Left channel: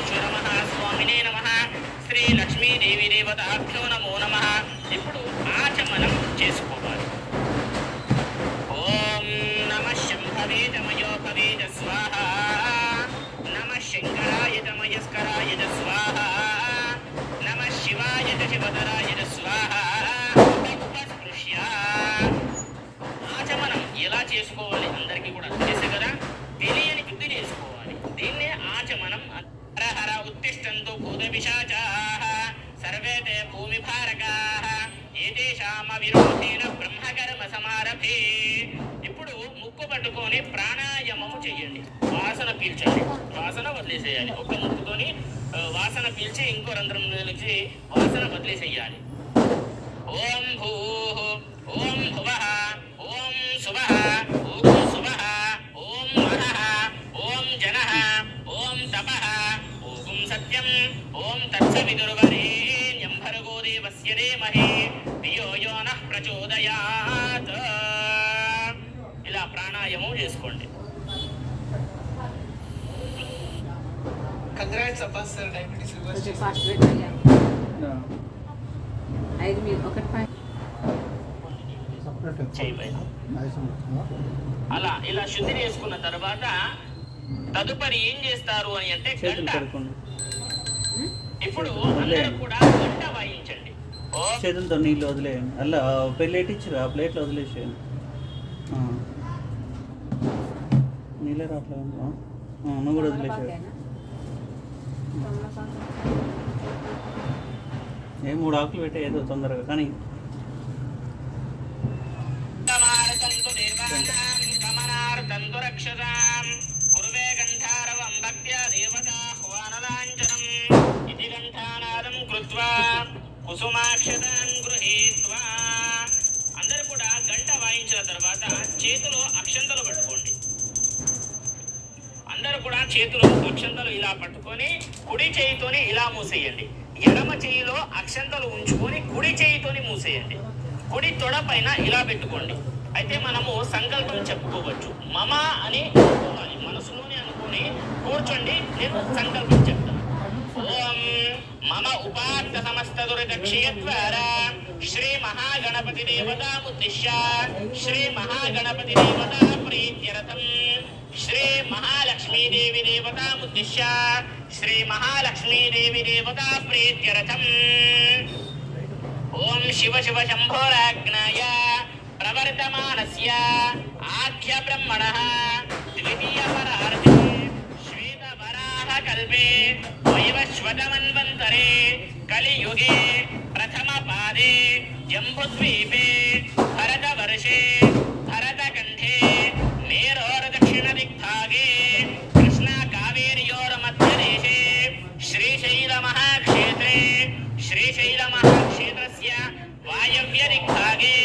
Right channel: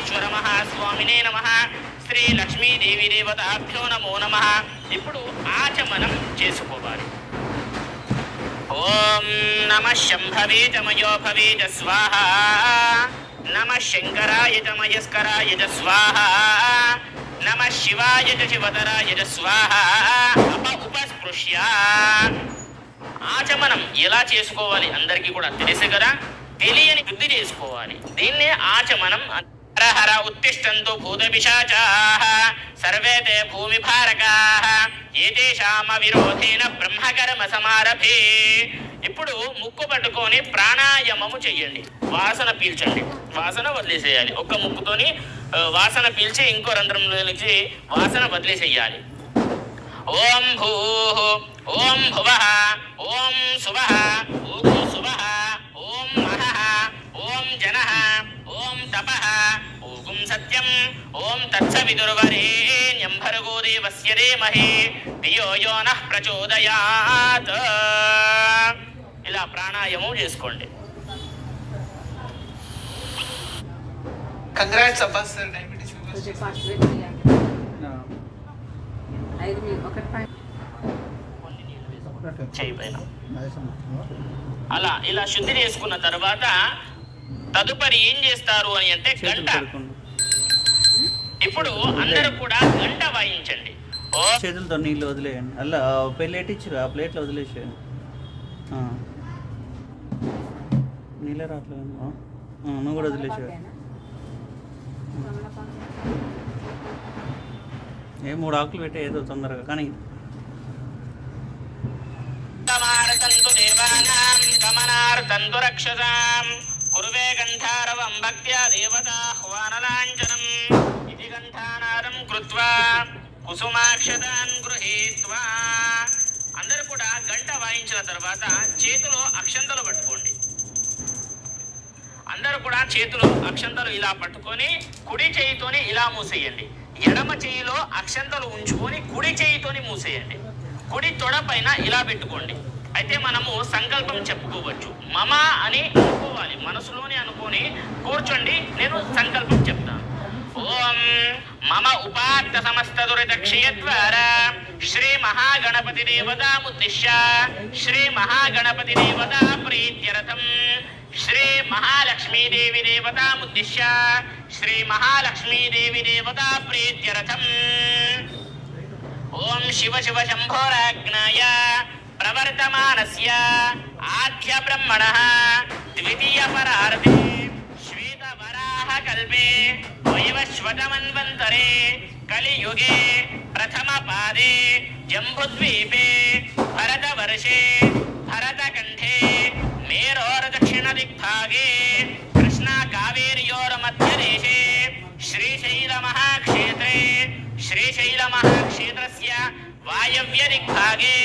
పరమేశ్వర మహాస్వామినే నమః, శ్రీ లక్ష్మీదేవి దేవతాభ్యో నమో నమః. ఇప్పుడు ఆచమనం చేసుకోవాలి. ఓం నమః శంభవే చమయో భవే చ స్వాహా, నమః శంకరాయ చ మయస్కరాయ చ స్వాహా, నమః శివాయ చ శివతరాయ చ స్వాహా. ఉపస్పృశ్య ఆచమనం ఎలా చేసుకోవాలి అందరికీ కూడా తెలుసు కదా, తెలియని వృద్ధి చేసుకోవాలి. దీన్నే ఆచమనం. హర ఉత్తిష్టంతు భూత పిశాచాః సర్వే తే భూమి భారకాః ఏతేషామ విరోధేన బ్రహ్మకర్మ సమారభే. ఇప్పుడు ముక్కు పట్టుకొని ప్రాణాయామము చెయ్యండి. వాసన పీల్చండి, వాసన వదిలేసేయాలి. ఒక్క ముక్కుతోని వాసన పీల్చి ఇంకో రంధ్రంలోకి వాసన వదిలేసేయాలి. ఓం భూః, ఓం భువః, ఓం సువః, ఓం సువః, ఓం వరః, ఓం జనః, ఓం తపః, ఓం సత్యం, ఓం తత్సవితుర్వరేణ్యం భర్గో దేవస్య ధీమహి ధియో యో నః ప్రచోదయాత్. ఇలా ప్రాణాయామం చేసుకోండి. కంగ్రాట్స్ అబ్బా సార్, డయాబెటిస్ అలా ఇలా శుద్ధి చేసుకున్న తర్వాత తదుపరి ఏం చేస్తారు అని అంటే గంట. ఇప్పుడు అందరూ కూడా గంట వాయించండి. చేతులతో నీళ్ళు వదిలేయండి. అలా ప్లేట్ ఇచ్చి ఆ ప్లేట్లో వదిలేసేయండి. నీళ్ళే రావట్లేదు, నువ్వు కూడా వదిలేసాడు. ఏ 3 ఆకులు పెట్టే ఏదో తొందరగా కానీ. కురువే గంధారవం భక్త్యా దేవతాహ్వానలాంఛనం ఇది గంధానాదం కృత్వా కుసుమాక్షతాన్ గృహీత్వా. అందరూ కూడా గంట వాయించిన తర్వాత చేతిలో అక్షంతలు పట్టుకోండి. అందరూ కూడా చేతిలో అక్షంతలు ఇలా పట్టుకొని కుడి చేయితోని ఇలా మూసేయండి. ఎడమ చేయిలో అక్షంతలు ఉంచుకొని కుడి చేయితోని మూసేయండి. కుడి తొడ పైన ఇలా పెట్టుకోండి. అయితే మనము సంకల్పం చెప్పుకోవచ్చు. మమ అని అనుకోవాలి, మనసులోనే అనుకొని కూర్చోండి. నేను సంకల్పం చెప్తాను. ఓం మమ ఉపాత్త సమస్త దురిత క్షయద్వారా శ్రీ మహాగణపతి దేవతాముద్దిశ్య శ్రీ మహాగణపతి దేవతా ప్రీత్యర్థం శ్రీ మహాలక్ష్మీదేవి దేవతాముద్దిశ్య శ్రీ మహాలక్ష్మీదేవి దేవతా ప్రీత్యర్థం. ఓం శివ శివ శంభోరాజ్ఞాయ ప్రవర్తమానస్య ఆద్య బ్రహ్మణః ద్వితీయ పరారతి శ్వేత వరాహ కల్పే వైవస్వతమన్వంతరే కలియుగే ప్రథమ పాదే జంబుద్వీపే భరతవర్షే భరతకంఠే మేరోర్ దక్షిణ దిగ్భాగే కృష్ణా కావేర్యోర్మధ్యదేశే శ్రీశైల మహాక్షేత్రే శ్రీశైల మహాక్షేత్రస్య వాయవ్య దిగ్భాగే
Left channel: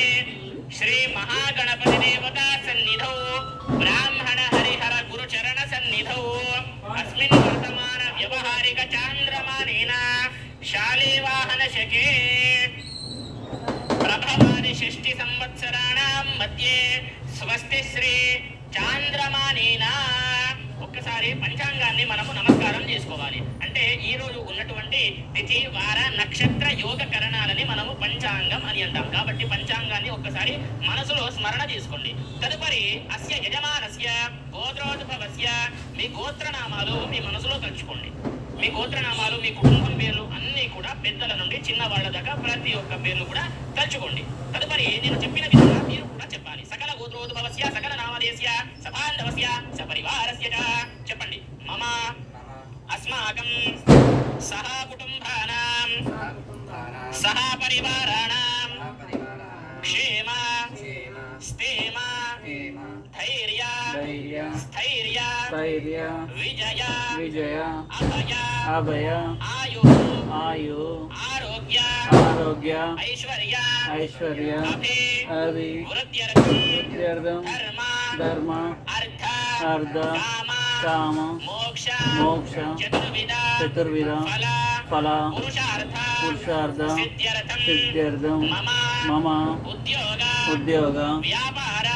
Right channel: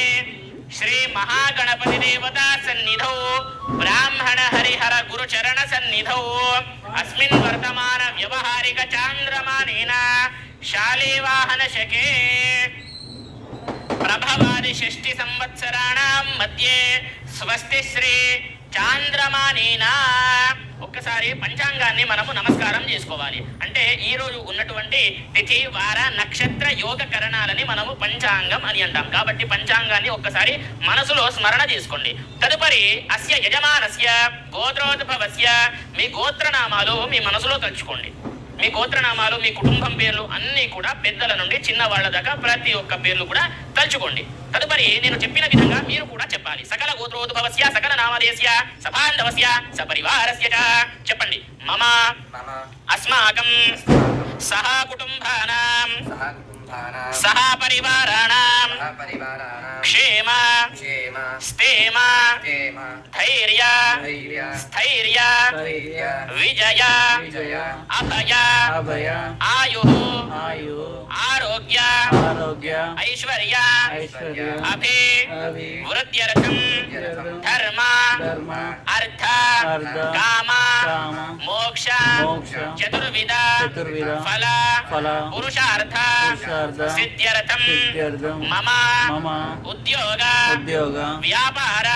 శ్రీ మహాగణపతి దేవతా సన్నిధౌ బ్రాహ్మణ హరిహర గురుచరణ సన్నిధౌ అస్మిన్ వర్తమాన వ్యవహారిక చాంద్రమానేన శాలీవాహన శకే ప్రభవాది షష్ఠి సంవత్సరాణం మధ్యే స్వస్తి శ్రీ చాంద్రమానేన. ఒక్కసారి పంచాంగాన్ని మనము నమస్కారం చేసుకోవాలి. అంటే ఈ రోజు ఉన్నటువంటి తిథి వార నక్షత్ర యోగ కరణాలని మనము పంచాంగం అని అంటాం. కాబట్టి పంచాంగాన్ని ఒక్కసారి మనసులో స్మరణ చేసుకోండి. తదుపరి అస్య యజమానస్య గోత్రోద్భవస్య మీ గోత్రనామాలు మీ మనసులో తలుచుకోండి. మీ గోత్రనామాలు, మీ కుటుంబం పేర్లు అన్నీ కూడా పెద్దల నుండి చిన్నవాళ్ల దాకా ప్రతి ఒక్క పేర్లు కూడా తలుచుకోండి. తదుపరి నేను చెప్పిన విధంగా మీరు కూడా చెప్పాలి. సకల గోత్రోద్భవస్య సకల నామధేయస్య సబాంధవస్య సపరివారస్య చ. చెప్పండి. మమ అస్మాకం సహ కుటుంబానాం సహ పరివారాణాం క్షేమ స్థేమ ధైర్య స్థైర్య విజయ అభయ ఆయు ఆరోగ్య ఐశ్వర్య అభి వృద్ధ్యర్థం ధర్మ అర్థ కామ మోక్ష చతుర్విధ ఫల పురుషార్థ సిద్ధ్యర్థం మమ ఉద్యోగ వ్యాపార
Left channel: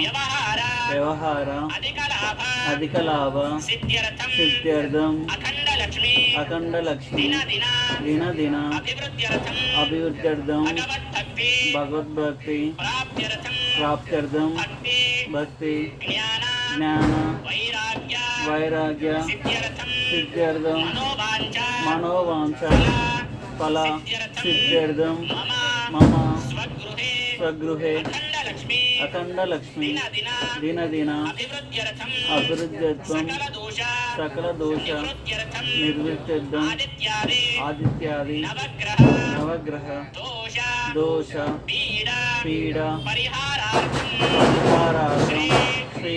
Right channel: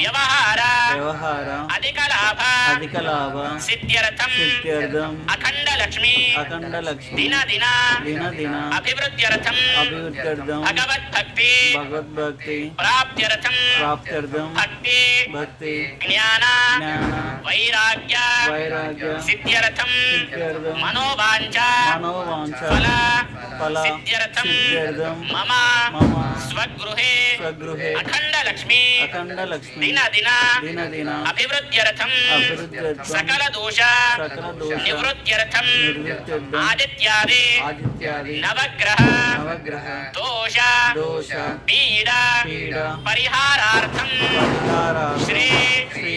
వ్యవహార వ్యవహార అధిక లాభ అధిక లాభ సిద్ధ్యర్థం సిద్ధ్యర్థం అఖండ లక్ష్మి అఖండ లక్ష్మి దిన దిన దిన దిన అభివృద్ధ్యర్థం అభివృద్ధ్యర్థం భగవద్భక్తి భగవద్భక్తి ప్రాప్త్యర్థం ప్రాప్త్యర్థం భక్తి భక్తి జ్ఞాన జ్ఞాన వైరాగ్య వైరాగ్య సిద్ధ్యర్థం సిద్ధ్యర్థం మనోవాంఛ మనోవాంఛ ఫల ఫల సిద్ధ్యర్థం సిద్ధ్యర్థం మమ మమ స్వగృహే స్వగృహే అఖండ లక్ష్మి అఖండ లక్ష్మి దిన దిన దిన దిన అభివృద్ధ్యర్థం అభివృద్ధ్యర్థం సకల దోష సకల దోష నివృత్త్యర్థం నిర్విత్యర్థం ఆదిత్యాది ఆదిత్యాది నవగ్రహ నవగ్రహ దోష దోష పీడ పీడ పరిహారార్థం పరిహారార్థం శ్రీ శ్రీ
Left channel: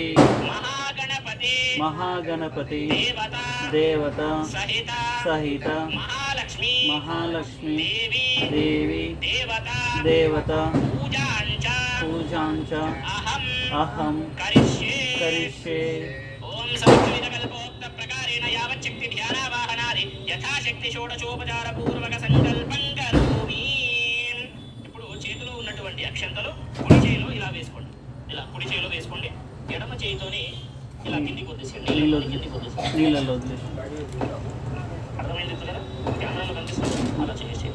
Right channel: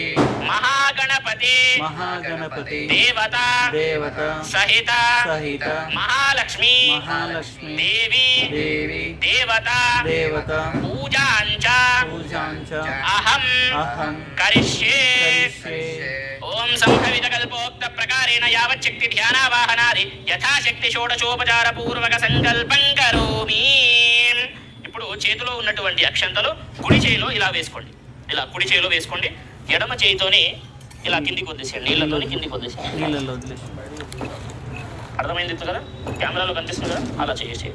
మహాగణపతి మహాగణపతి దేవత దేవత సహిత సహిత మహాలక్ష్మి మహాలక్ష్మి దేవి దేవి దేవత దేవత పూజాంచ పూజాంచ అహం అహం కరిష్యే కరిష్యే ఓం సంభవిత కల్పోక్త ప్రకారేణ యావచ్చక్తి ధ్యానావాహనాది యథాశక్తి షోడశోపచార పూర్వక సంకల్పం కరోమి. ఇప్పుడు చేతిలో ఉన్నటువంటి అక్షంతలు కుడి చేయిలో ఇలా వేసుకోండి, ఇలా కుడి చేయిలో వేసుకోండి. ఎడమ చేయితోని ఇలా కిందికి వదిలేసేయండి, నీళ్ళలోని కిందికి వదిలేసేయండి. నీళ్ళలో వదిలేసి అర్థమైంది కదా, కెమెరాలో కనిపిస్తుంది కదా, అలా చేసేసి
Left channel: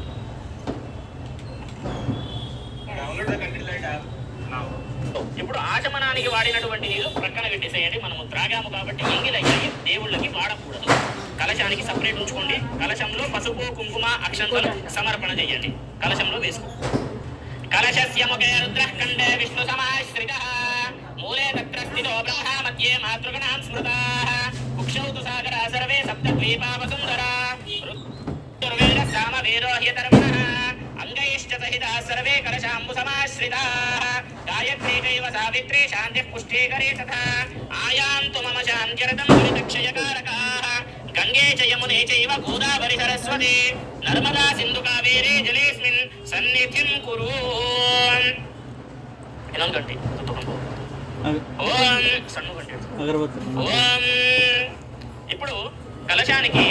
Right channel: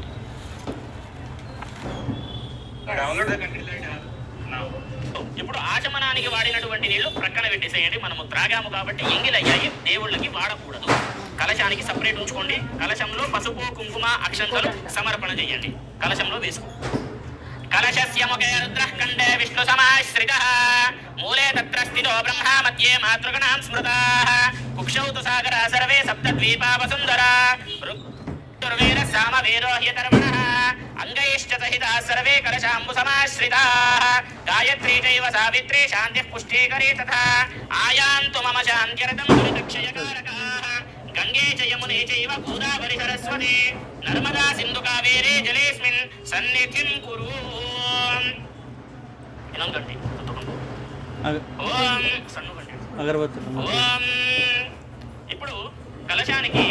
ఇప్పుడు ఆచమనానికి వాడినటువంటి నీళ్లు ప్రక్కన పెట్టేసేయండి. మనము త్రాగాము కాబట్టి ఎంగిలయ్యాయి, దేవుళ్ళకి వాడకూడదు. కలశానికి సపరేట్ ఉంచుకోండి. కలశంలో పసుపు కుంకుమ అక్షంతలు సమర్పణ చేయండి. కలశంలో వేసుకో. కలశస్య ముఖే రుద్రః కంఠే విష్ణు సమాశ్రితః మూలే తత్ర స్థితో బ్రహ్మ మధ్యే మాతృగణాం స్మృతాః కుక్షౌ తు సాగరా సర్వే సప్తద్వీపా వసుంధరా ఋగ్వేద సామవేదో హ్యధర్మణః అంగైశ్చ సహితాః సర్వే కలశాంబు సమాశ్రితాః గాయత్రీ చైవ సావిత్రీ శాంతిః పుష్టీకరీ తథా ఆయాంతు మమ శాంత్యర్థం దురితక్షయకారకాః గంగే చ యమునే చైవ గోదావరి సరస్వతి నర్మదా సింధు కావేరీ జలేస్మిన్ సన్నిధిం కురు. ಇನ್ನೊಂದು ఓం సన్నుగండి. అగరబత్తి ఓం. ఇప్పుడు కలశానికి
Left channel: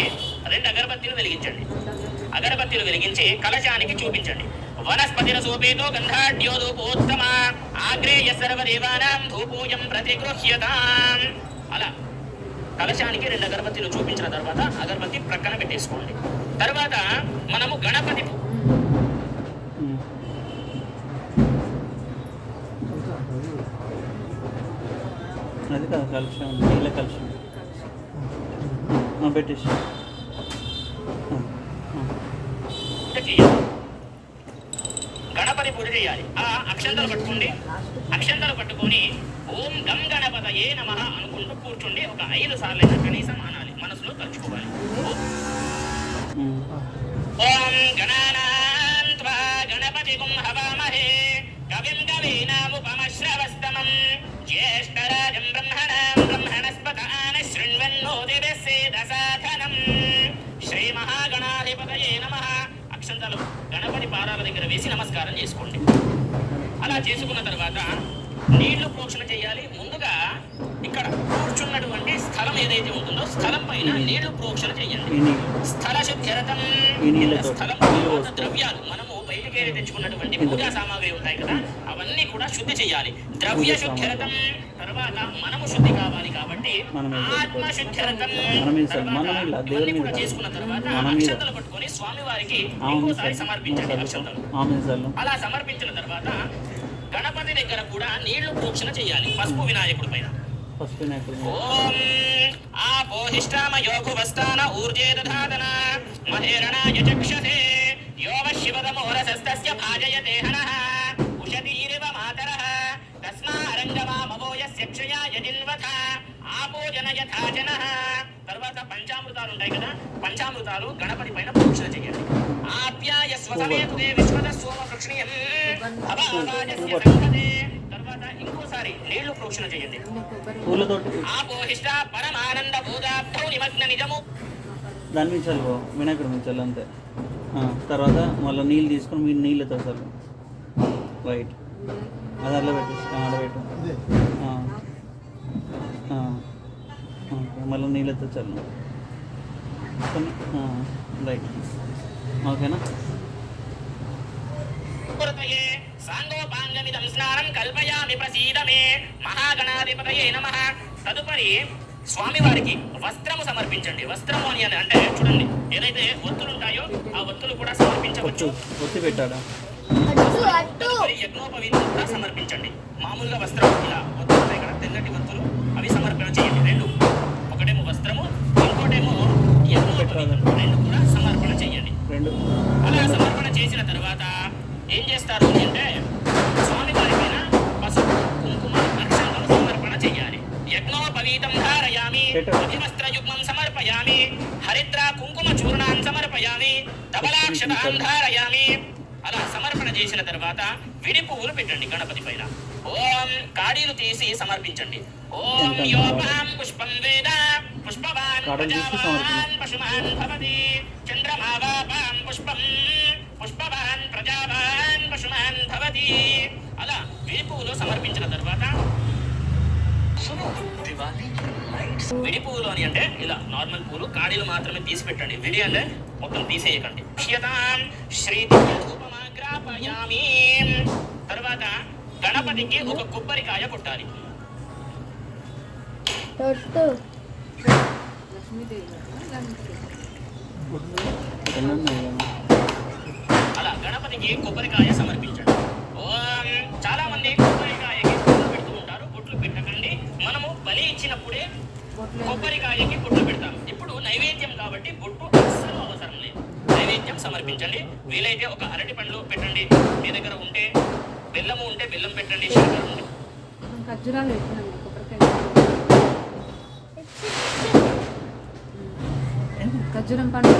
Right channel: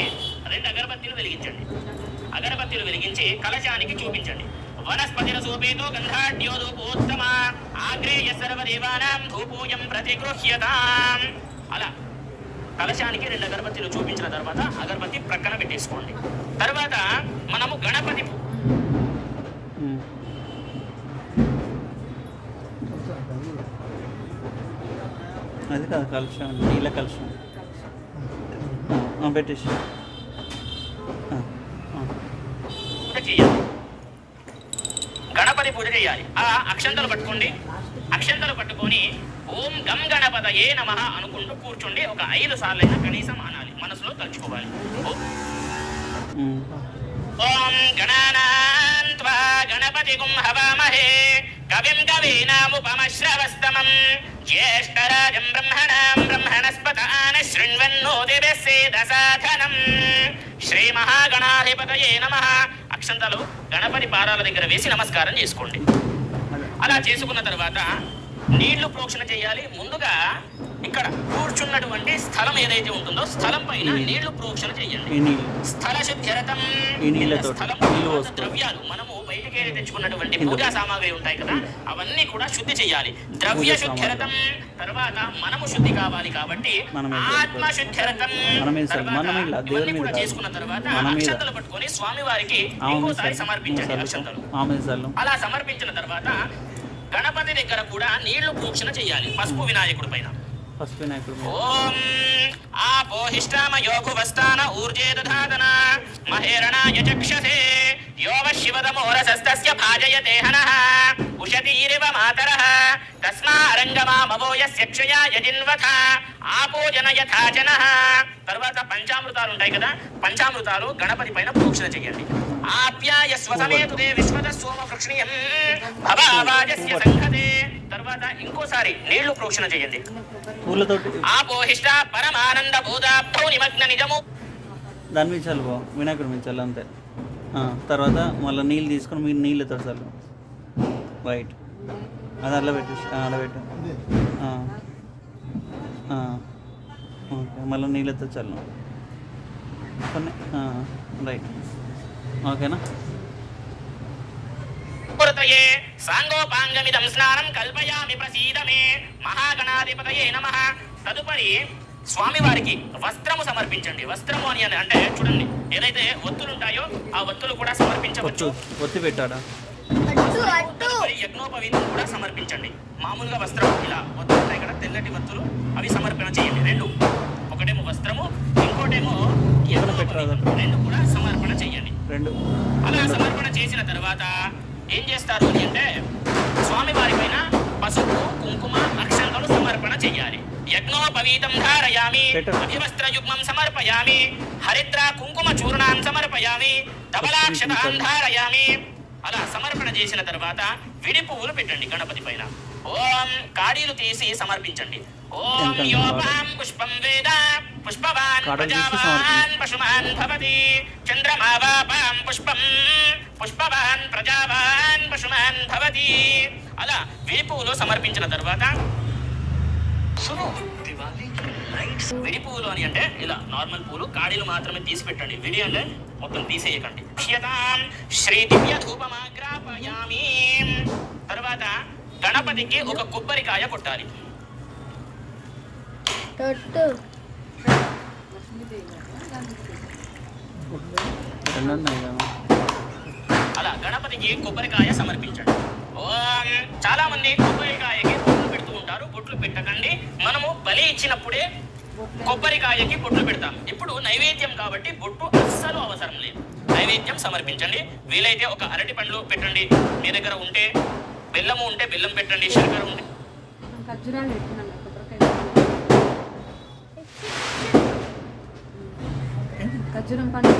2 అగరబత్తీలు వెలిగించండి. అగరబత్తీలు వెలిగించి కలశానికి చూపించండి. వనస్పతిర సోపేతో గంధాఢ్యోదోపోత్తమ ఆగ్రేయ సర్వదేవానాం ధూపోయం ప్రతిగృహ్యతాం. అలా కలశానికి 2 అగరబత్తీలు చూపించిన తర్వాత అగరబత్తి ప్రక్కన పెట్టేసుకోండి. తర్వాత మనము గణపతి అది కదా కలుషం, నీళ్ళ కలుషం పెట్టేసి చేయాలి. గణపతి పూజ చేయాలి. ఆ అక్షంతలు పట్టుకోండి. అక్షంతలు పట్టుకొని ఓం గం గణపతయే నమః అనుకుంటూ కూర్చోండి. ఒక 5 సార్లు అయితే కనీసం అనాలి, మనసులో తలుచుకోవాలి. ఓం గణానాం త్వా గణపతిగుం హవామహే కవిం కవీనాముపమశ్రవస్తమం జ్యేష్ఠరాజం బ్రహ్మణాం బ్రహ్మణస్పతాన శృణ్వన్నోదిభిస్సేదసాధనం. శ్రీ మహాగణాధిపతయే నమః. అక్షంతలు గణపతి పాదాల దగ్గర వేసి నమస్కారం చేసుకోండి. అలా చేసుకున్న తర్వాత నీళ్లు ప్రోక్షణ చేయాలి. ముందుగా ఇక్కడ కూర్చున్నటువంటి స్థలం ఏదైతే ఉంటుందో స్థలం పైన నీళ్లు ప్రోక్షణ చేయండి. స్థల శుద్ధ్యర్థం. స్థలం ద్రవ్యాలు మనము బయటికి తెచ్చుకున్నటువంటి పూజా సామాగ్రి ఉంటాయి కదా, అవన్నీ కూడా శుద్ధి చేయాలి. ద్రవ్య శుద్ధ్యర్థం. తర్వాత మనము శుద్ధి కావాలి కాబట్టి ఆత్మ శుద్ధ్యర్థం. కూడా చేసుకున్న తర్వాత అక్షంతలు పట్టుకొని స్వామి వారికి ఇంకోసారి సమర్పించండి అక్షంతలు. అలా సమర్పించిన తర్వాత గణపతి దగ్గర కూడా నీళ్లు ప్రోక్షణ చేయాలి పసుపు వినాయకుడి పైన. ఓం ఆపోహిష్టామయోభువస్థాన ఊర్జే దధాతన మహేరణాయ చక్షసే యోగ శివతమోరసస్తస్య భాజయతే హనః ఉషతీరివ మాతరః తస్మారంగమామవో యస్య క్షయాయ జిన్వథ ఆపోజన యథాజనః. తర్వాత పంచామృతాలు ఉంటాయి కదా, పంచామృతాలు గణపతి పైన ప్రోక్షణ చేయండి. ఆప్యాయ స్వసమేతుదే విశ్వత సోమ వృక్ష్ణీయం భవావాజస్య సంగతే. తర్వాత ఇంకోసారి నీళ్లు ప్రోక్షణ చేయండి. ఆపోహిష్ట పరమానంద బోధాబ్ధో నిమగ్న నిజము. దాని మీద చల్లు, వినాయకుడు మీద చల్లు అంతే. తర్వాత మళ్ళీ నీళ్ళు తీసుకొని మీరు నీళ్ళతో చల్లు వైట్ అది అట్లా పెట్టేసి అలా పెట్టు. మళ్ళీ నీళ్ళతో చల్లు రైట్. ఓకేనా? మహాగణాధిపతయే సాంగోపాంగమిదం స్నానం కల్పయామి ప్రసీద మే మహాగణాధిపతయే నమః. తదుపరి స్వామివారికి వస్త్రము సమర్పించండి. వస్త్రము అని అంటే చూడండి, ఏదైతే ఒత్తులు ఉంటాయో ఆ ఒత్తులు కూడా సమర్పించవచ్చు. ఒత్తి పెట్టాడా? తదుపరి యజ్ఞోపవీతం కూడా సమర్పించండి. మామూలుగా వస్త్రం ఇలా ఒత్తులు ఉంటాయి కదా, తెల్లటి ఒత్తులు, అవి సమర్పణ చేయండి. రెండు, ఒకటేమో వస్త్రము, ఇంకోటేమో యజ్ఞోపవీతం, రెండు కూడా సమర్పణ చేయండి. రెండు అలా సమర్పణ చేసిన తర్వాత ఏం చేస్తారు అంటే స్వామివారి పైన పసుపు కుంకుమ అక్షంతలు సమర్పణ చేయాలి. యజ్ఞోపవీతం ధారయామి, అధివస్త్రయుగ్మం సమర్పయామి, హరిద్ర కుంకుమ చూర్ణాన్ సమర్పయామి, ధవలాక్షతాన్ ధారయామి. అలా సమర్పణ చేసిన తర్వాత విడి పువ్వులు పెట్టండి గణపతి పైన. ఓం కాడీలు తీసి సమర్పించండి. ఓం యోపాం పుష్పం వేద పుష్పవాన్ ప్రజావాన్ పశుమాన్ భవతి, చంద్రమావాపాం పుష్పం పుష్పవాన్ ప్రజావాన్ పశుమాన్ భవతి. అలా విడి పువ్వులు సమర్పించిన తర్వాత విడి పువ్వులు అని అంటే ఇలా నార్మల్ పూలు, కాడీలు మాత్రమే తీసి పెట్టండి. విడి అంటే మొత్తం తీసేయకండి. శ్రీ దివ్య ధూపమాగ్రాపయామి. తర్వాత గణపతికి ఒక కొబ్బరికాయ కొట్టాలి. అలా గణపతికి కొబ్బరికాయ సమర్పించండి. చాలా మంది కొబ్బరికాయకి బొట్లు పెడుతూ ఉంటారు. బొట్లు పెట్టకండి. మనము బలి ఇచ్చినప్పుడే కొబ్బరికాయకి బొట్లు పెడతాం. ఇప్పుడు నైవేద్యం కాబట్టి బొట్టు అస్సలు అవసరం లేదు. నైవేద్యం సమర్పించండి. వీలైతే ఒక అరటి పండ్లు పెట్టండి. మీ దగ్గర ఉంటే బెల్లము ఉంటే బెల్లం పెట్టండి. శంకర ఉంటే ఖర్జూరం పండు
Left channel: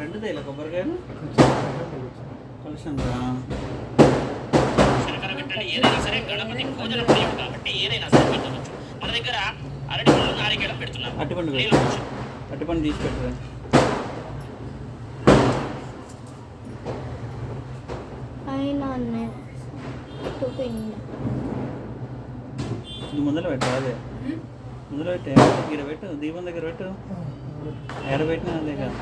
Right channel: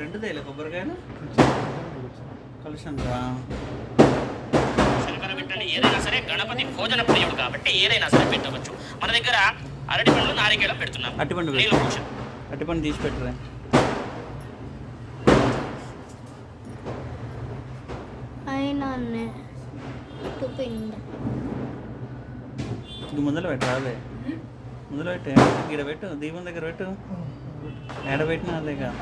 రెండు తేలే కొబ్బరికాయలు శంకర పెట్టండి. ఏదైనా సరే గణపతి భోజన ప్రియుడు కాబట్టి ఏదైనా సరే పెట్టవచ్చు. మన దగ్గర అరటి పండ్లు నారికేళం పెడుతున్నాం. అరటిపండు అరటిపండు తీసి పెట్టరా. ఇది ముందర పెట్టు, అదే ముందర పెట్టు, ఇక్కడ పెట్టు, దీపం దగ్గర పెట్టు. ఏడ పెట్టిన అదే కాదు,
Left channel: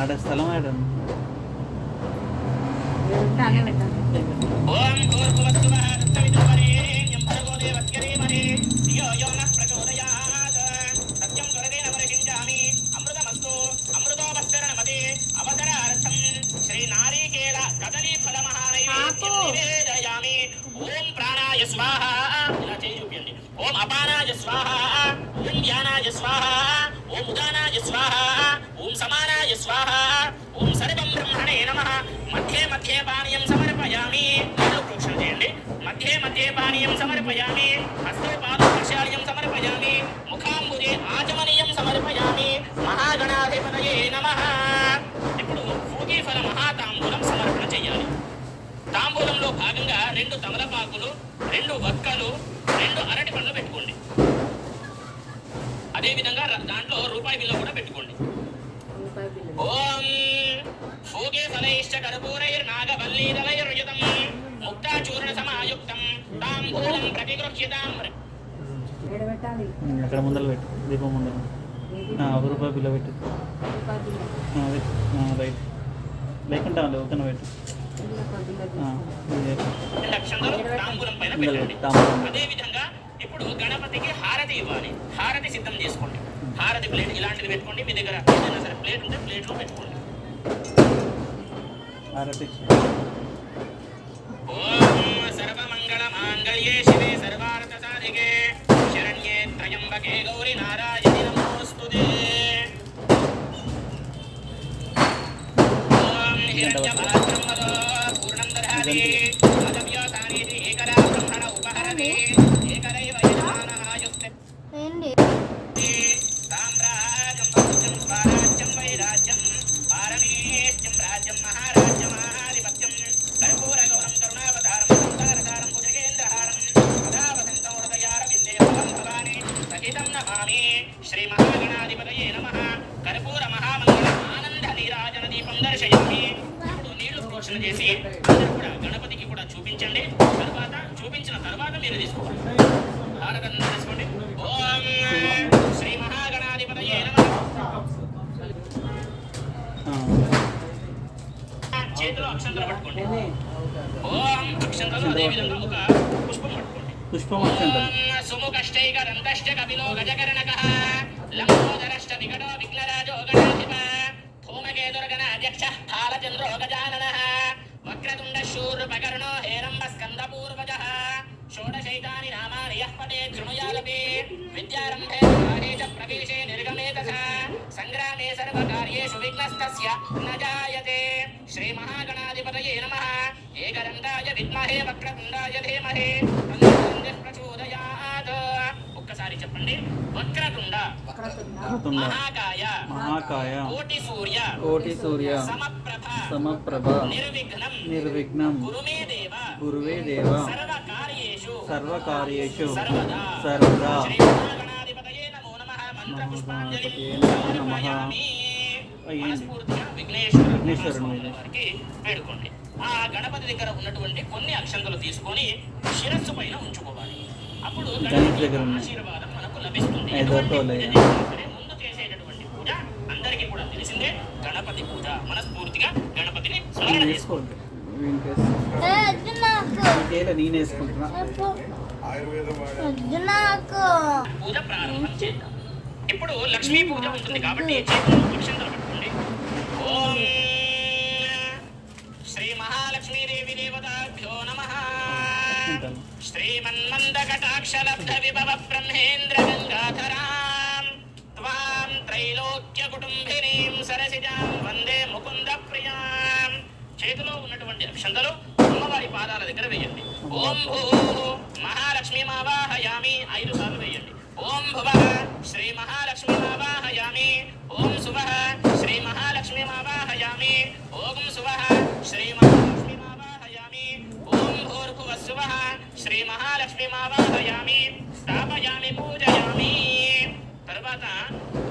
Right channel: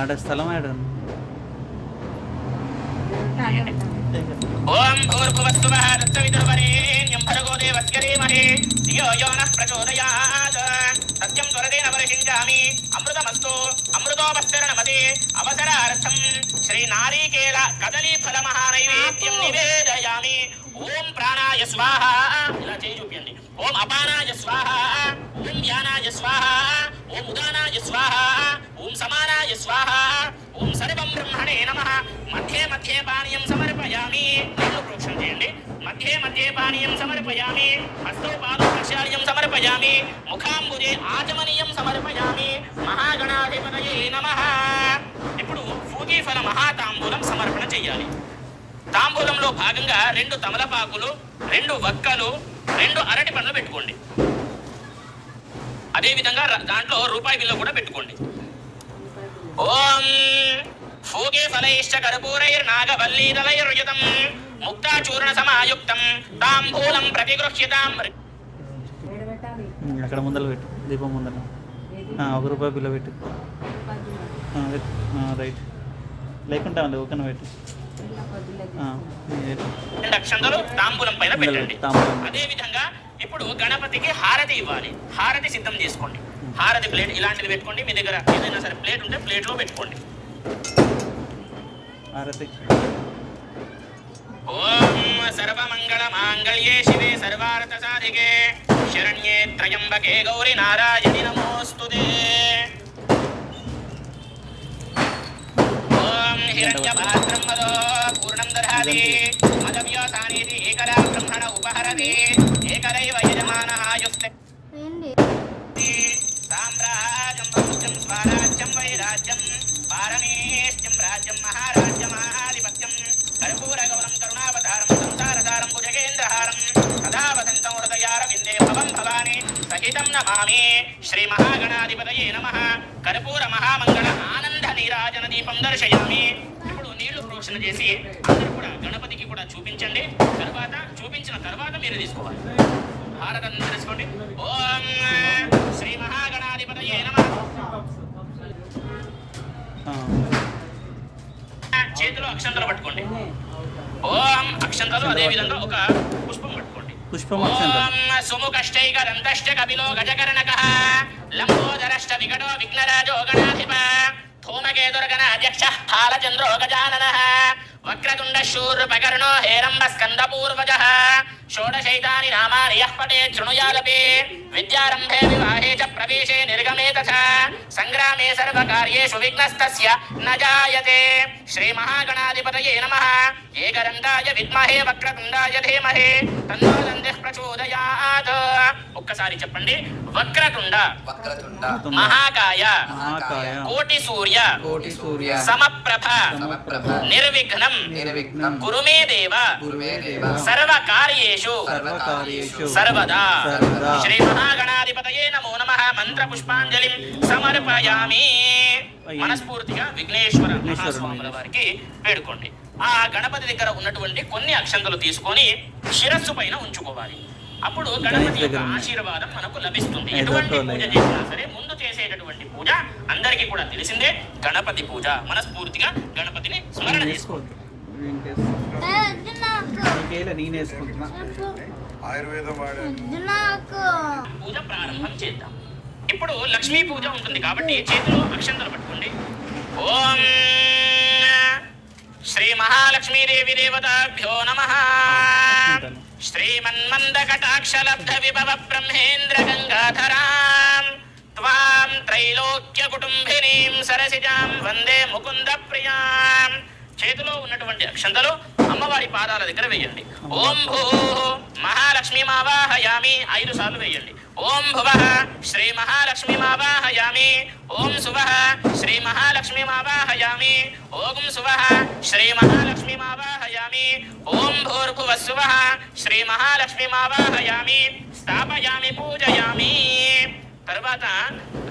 ఆడ స్థలం ఆడ. ఓం భూర్భువస్సువః తత్సవితుర్వరేణ్యం భర్గో దేవస్య ధీమహి ధియో యో నః ప్రచోదయాత్. సత్యం త్వరదేన వర్షించామి అమృతమస్తు అమృతోపస్తరణమతే. అవసరార్థం శ్రీ నారీకేల కదలీ ఫల మహానైవేద్యం నివేదయామి. ఓం ప్రాణాయ స్వాహ, ఇలా చేయి చూపించండి. ఓం అపానాయ స్వాహ, ఓం ధ్యానాయ స్వాహ, ఓం ఉదానాయ స్వాహ, ఓం సమానాయ స్వాహ, ఓం సర్వం బ్రహ్మణే నమః. మధ్యే మధ్యే పానీయం సమర్పయామి. నీళ్ళు ప్రోక్షణ చేయండి. మధ్యే మధ్యే పానీయం సమర్పయామి. హస్తోపాదోక్షాల్యం సమర్పయామి. ముఖాంబుజే ఆచమనీయం సమర్పయామి. మహాగణాధిపతయే నమః. ఇప్పుడు పూజీఫల మహాతాంబూలం సమర్పణ చేయాలి. తాంబూలంలో భాగంగా 2 తమలపాకులు, 2 వక్కలు, 2 అరటి పండ్లు పెట్టుకోండి. అదేవిధంగా దాంట్లో రూపాయి బిల్ల కూడా పెట్టుకోండి. ఓం ఫూగే ఫలైశ్చ కర్పూరైర్నాగవల్లీదలైర్యుతం ముక్తాచూర్ణ సమాయుక్తం తాంబూలం ప్రతిగృహ్యతాం. అక్కడ ముందర పెట్టు, దీపం ముందర ₹1 బిల్ల పెట్టు. రైట్, లేకుంటే ఒకన పెట్టు. 2 అక్షంతలు తాంబూలం పైన పెట్టండి. అదే విధంగా ఇప్పుడు గణపతికి హారతి ఇవ్వాలి. హారతి సిద్ధం చేసుకోండి. హారతి ప్లేట్ ఇలాంటిది పెట్టుకోండి. మీ దగ్గర ఏదైనా సరే ప్లేట్ ఉంటే ప్లేట్లో పెట్టుకోండి. హారతి. ఓం సర్వమంగళ మాంగళ్యే శివే సర్వార్థ సాధికే శరణ్యే త్రయంబకే గౌరి నారాయణి నమోస్తుతే. ఓం హిరణ్యపాత్రం వదో పూర్ణం దదాతి అదవ్యాసానీతి ఏకదా బ్రహ్మణ ఉపహరతి ఏకరైవ యజమానః యుక్తే సామ్రాజ్యం భౌత్యం స్వరాజ్యం వైరాజ్యం పారమేష్ట్యం రాజ్యం మహారాజ్యమాధిపత్యం కర్పూరగౌరం కరుణావతారం సంసారతారం భుజగేంద్రహారం సదా వసంతం హృదయారవిందే భవం భవాని సహితం నమామి. శ్రీ మహాగణాధిపతయే నమః. కర్పూర మహామంగళ ఆనంద నీరాజన దీపం దర్శయామి. ఇప్పుడు నీళ్లు ప్రోక్షణ చేసి కూడా గణపతికి కూడా చూపించండి. తర్వాత చూపించిన తర్వాత మీరు తీసుకోవాలి. హారతి తీసుకోండి. ఓం శ్రీ మహాగణాధిపతయే నమః. చేతిలో అక్షంతలు పట్టుకోండి. ఓం అక్షంతలు అదే విధంగా ఒక పుష్పం పట్టుకోండి. పుష్పం ఓం సుముఖష్టైక దంతశ్చ కపిలో గజకర్ణకః లంబోదరశ్చ వికటో విఘ్నరాజో గణాధిప ధూమకేతుర్గణ అధ్యక్షః ఫాలచంద్రో గజాననః వక్రతుండ శూర్పకర్ణో హేరంబ స్కందపూర్వజః షోడశైతాని నామాని యః పఠేత్ శృణుయాలపి విద్యారంభే వివాహే చ ప్రవేశే నిర్గమే తథా సంగ్రామే సర్వకార్యేషు విఘ్నస్తస్య న జాయతే. శ్రీ మహాగణాధిపతయే నమః. ఏకదంతాయ విద్మహే వక్రతుండాయ ధీమహి తన్నో దంతిః ప్రచోదయాత్. ఒక్కసారి చెప్పండి. వక్రతుండ మహాకాయ కోటి సూర్య సమప్రభ నిర్విఘ్నం కురు మే దేవ సర్వకార్యేషు సర్వదా. శ్రీ మహాగణాధిపతయే నమో నమః. మంత్ర పుష్పాంజలిం సమర్పయామి. మనస్ఫూర్తిగా విఘ్నేశ్వర మహాస్వాముల వారికి వేడుకోండి. ఆ గణపతి దగ్గర ఉన్నటువంటి కొన్ని అక్షంతలు తీసుకొని శిరస్సు పైన ఉంచుకోవాలి. అప్పుడు గణపతి యొక్క ఆశీర్వాదం మనకు లభిస్తుంది. ఎటువంటి పూజ చేసినా సరే ముందు చేసేటటువంటి పూజ అందరికీ కూడా తెలిసిందే గణపతి పూజ. మనస్ఫూర్తిగా గణపతిని స్మరణ చేసుకోండి. పూజ ప్రారంభం చేద్దాం. ఇప్పుడు లక్ష్మీ పూజ ఉంటుంది కాబట్టి చేతిలో అక్షంతలు పట్టుకోండి. ఓం శ్రీ మహాలక్ష్మీదేవి దేవతాభ్యో నమః. శ్రీమన్మందకటాక్షలబ్ధ విభవ బ్రహ్మేంద్ర గంగాధరాం త్వాం త్రైలోక్య కుటుంబినీం సరసిజాం వందే ముకుంద ప్రియాం. చేతిలో ఉన్నటువంటి అక్షంతలు అమ్మవారి పాదాల దగ్గర వేయండి. ఓం భూ మహాలక్ష్మి మావాహయామి 5 సార్లు వేయండి. ఓం భువః శ్రీ మహాలక్ష్మి మావాహయామి. ఓం శుభః శ్రీ మహాలక్ష్మి మావాహయామి. ఓం శుభః శ్రీ మహాలక్ష్మి మావాహయామి. ఓం భూర్భువస్సువః శ్రీ మహాలక్ష్మి మావాహయామి. స్థాపయామి పూజయామి. తర్వాత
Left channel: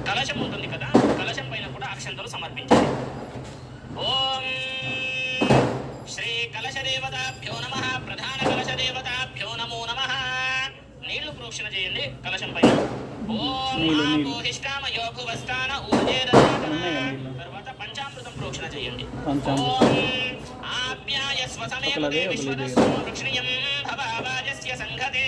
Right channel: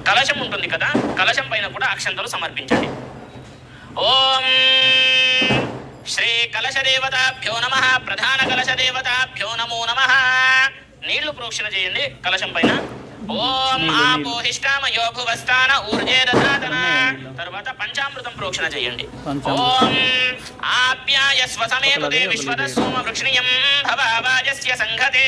కలశం ఉంటుంది కదా, కలశం పైన కూడా అక్షంతలు సమర్పించండి. ఓం శ్రీ కలశ దేవతాభ్యో నమః. ప్రధాన కలశ దేవతాభ్యో నమో నమః. నీళ్లు ప్రోక్షణ చేయండి కలశం పైన. ఓం ఆపోహిష్టామయో భువస్థాన ఊర్జే దధాతన. తర్వాత పంచామృతం ప్రోక్షణ చేయండి. ఓం ఆప్యాయస్వ సమేతుతే విశ్వద సోమ వృక్షణీయం భవావాజస్య సంఘతే.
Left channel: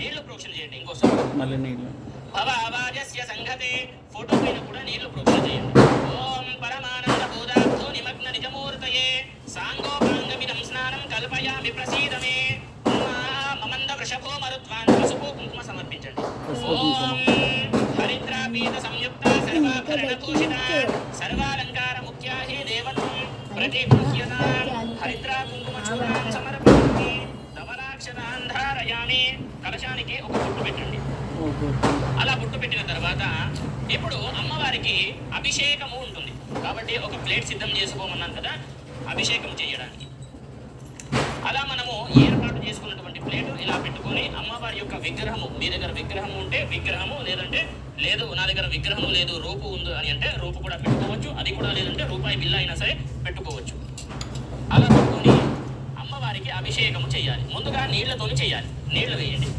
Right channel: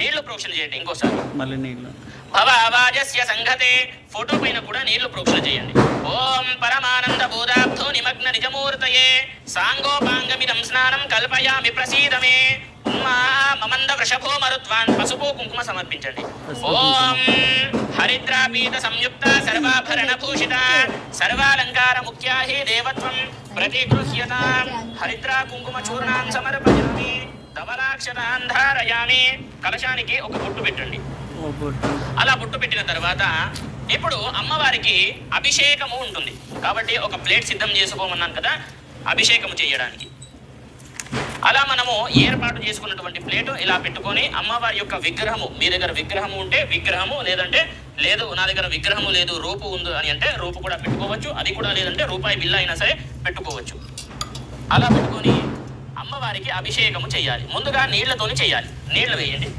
నీళ్లు ప్రోక్షణ చేయండి ఇంకోసారి. మళ్ళీ నీళ్ళు భవావాజస్య సంఘతే. ఫోటో పైన కూడా నీళ్లు ప్రోక్షణ చేయండి. ఓం పరమానంద బోధాబ్ధో నిమగ్న నిజమూర్తయే సాంగోపాంగమిదం స్నానం కల్పయామి ప్రసీదమే. మమంద వృషభో మరుత్వాన్ పసుపు కుంకుమ సమర్పించండి. ఓం హరిద్రాపీత సంయుక్త సర్వాభరణ భూషిత సర్వాలంకార ముఖ్యా హి దేవత్వం ప్రతిగృహ్యతాం. హరిద్రా కుంకుమ చూర్ణాం సమర్పయామి. ధవలాక్షరాన్ ధారయామి. కలశానికి ఒక బొట్టు పెట్టండి. అలా బొట్టు పెట్టిన తర్వాత ఇప్పుడు అమ్మవారికి అభిషేకము ఉంటుంది కాబట్టి ఒక ప్లేట్ సిద్ధం చేసుకోమన్నాను కదా అభిషేకము చేయడానికి. అలా మనము ఏర్పాటు చేసుకున్నటువంటి ప్లేటు ఇలా పెట్టుకొని అమ్మవారి యొక్క విగ్రహము, మీ దగ్గర విగ్రహము ఉంటే విగ్రహము, లేదంటే లేదు నా దగ్గర విగ్రహము లేదు రూపు ఉంది అని అంటే రూపు కూడా పెట్టుకోవచ్చు. అది కూడా లేదంటే రూపాయి బిల్ల అయినా సరే పెట్టుకోవచ్చు. అలా పెట్టుకొని అమ్మవారికి అభిషేకము చేయాలి. ముందుగా నీళ్లతోని చేయాలి. నీళ్లు వేయండి.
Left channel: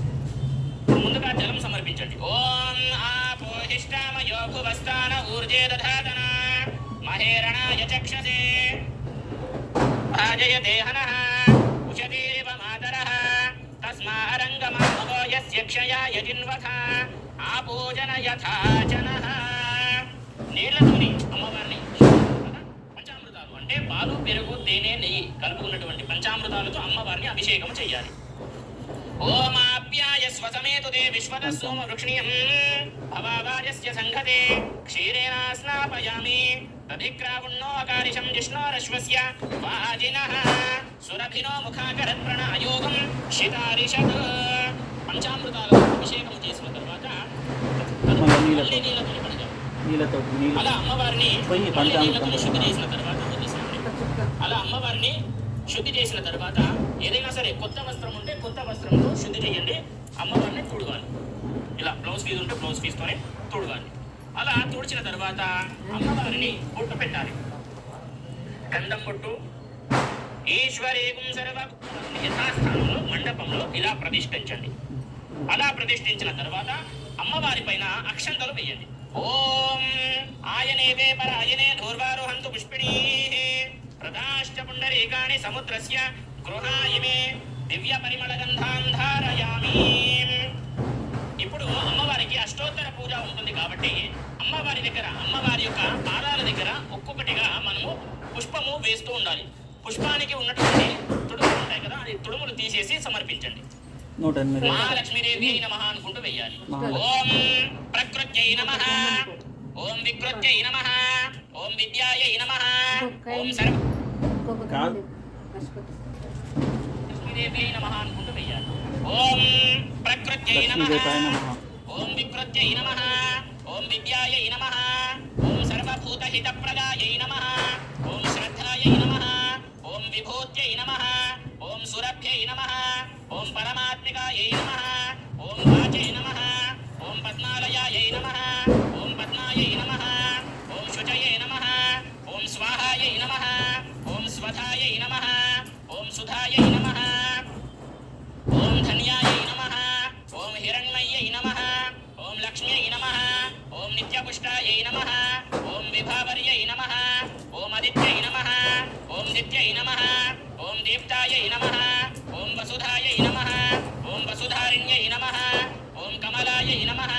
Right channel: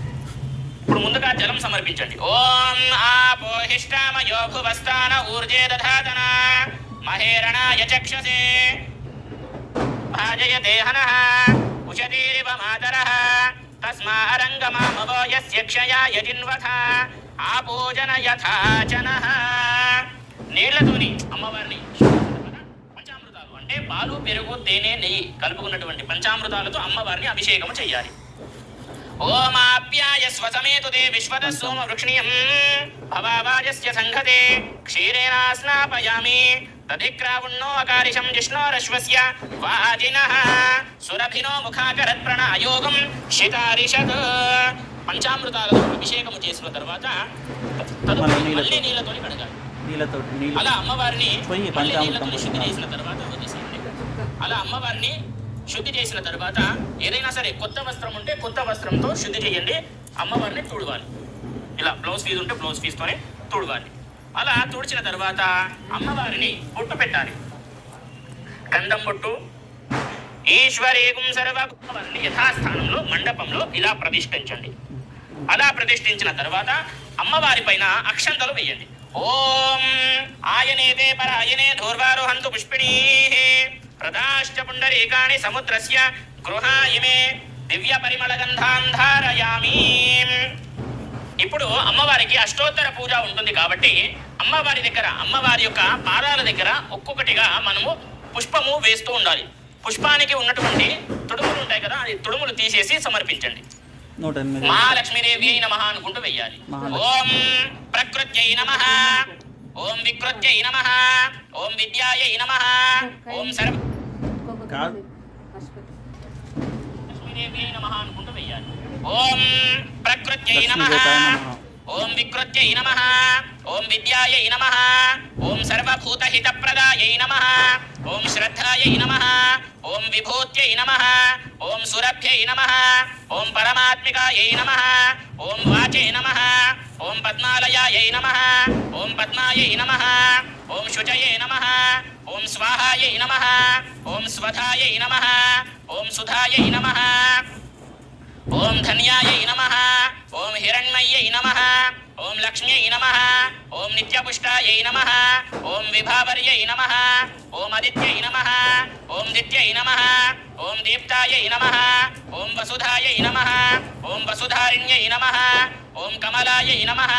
ఇప్పుడు ముందుగా జలం సమర్పించండి. ఓం ఆపోహిష్టామయో భువస్థాన ఊర్జే దధాతన మహేరణాయ చక్షసే భాజయతే హనః ఉషతీరివ మాతరః తస్మారంగమామవో యస్య క్షయాయ జిన్వథ ఆపోజన యథాచనః. నీళ్లతోని అమ్మవారిని పంచామృతాలు అంటే పాలు, పెరుగు, తేనె, నెయ్యి కలుపుకున్నటువంటి పంచామృతాలతో అమ్మవారిని అభిషేకం చేయాలి. ఓమాప్యాయస్వ సమేతుతే విశ్వద సోమ వృక్షణీయం భవావాజస్య సంఘతే క్షీరేణ స్నాపయామి. తదిక్రావుణ్ణో అకారిషం జిష్ణోరశ్వస్య వాజినః సురభినో ముఖాకరత్ ప్రణాయోగం శితారిషత్. పంచామృతాలతో అభిషేకం చేసిన తర్వాత మళ్ళీ నీళ్ళతో కడగాలి. అలా అమ్మవారిని నీళ్ళతో శుద్ధి చేసిన తర్వాత అలా అమ్మవారిని శుద్ధి చేసిన తర్వాత ఏదైనా సరే కొత్త వస్త్రం ఉంటే కొత్త వస్త్రంతో శుద్ధి చేయండి. అమ్మవారిని తుడవాలి. ఇలా బ్లౌజ్ పీస్ ఉంటే బ్లౌజ్ పీస్కొని తుడవాలి. అలా తుడిచిన తర్వాత అమ్మవారిని బొట్టు పెట్టాలి. గంధం బొట్టు. ఈశ్వరేకం సర్వభూతాన్ని యథాస్థానంలో మండపంలో ఇలా ప్రతిష్ఠించండి. అలా ప్రతిష్ఠించిన తర్వాత అమ్మవారి పైన అక్షంతలు వేయండి. ఓం ఆయనేతే పరాయనే ధూర్వారోహంతు పుష్పిణీః ప్రదాశ్చ పుండరీకాణి సముద్రస్య గృహాయిమే దివ్య పరిమళ గంధాం ధారయామి. ఇప్పుడు అమ్మవారికి అష్టోత్తర పూజ ఉంటుంది కాబట్టి అమ్మవారి దగ్గర అమ్మవారి యొక్క పాదాల దగ్గర ఒక్కొక్కటిగా మనము పుష్పము వేస్తూ ఉండాలి. పుష్పానికి ఉన్నటువంటి తుడుములు ఉంటాయి కదా, అది తుడుములు తీసేసి సమర్పించండి. 108 మహాలక్ష్మీదేవి నమః అనుకుంటూ వెయ్యాలి. ఓం ప్రకృత్యై నమః, ఓం వికృత్యై నమః, ఓం విద్యాయై నమః, ఓం సర్వ కాదు. లక్ష్మీదేవి నమః అనుకుంటూ వెయ్యాలి. ఓం ప్రకృత్యై నమః, ఓం వికృత్యై నమః, ఓం విద్యాయై నమః, ఓం సర్వభూతహితప్రదాయై నమః, ఓం శ్రద్ధాయై నమః, ఓం విభూత్యై నమః, ఓం సురభ్యై నమః, ఓం పరమాత్మికాయై నమః, ఓం వాచై నమః, ఓం పద్మాలయాయై నమః, ఓం పద్మాయై నమః, ఓం శుచయే నమః, ఓం స్వాహాయై నమః, ఓం స్వధాయై నమః, ఓం సుధాయై నమః, ఓం ధన్యాయై నమః, ఓం హిరణ్మయ్యై నమః, ఓం లక్ష్మ్యై నమః, ఓం నిత్యపుష్టాయై నమః, ఓం విభావర్యై నమః, ఓం అదిత్యై నమః, ఓం దిత్యై నమః, ఓం దీప్తాయై నమః, ఓం వసుధాయై నమః, ఓం వసుధారిణ్యై నమః, ఓం కమలాయై నమః,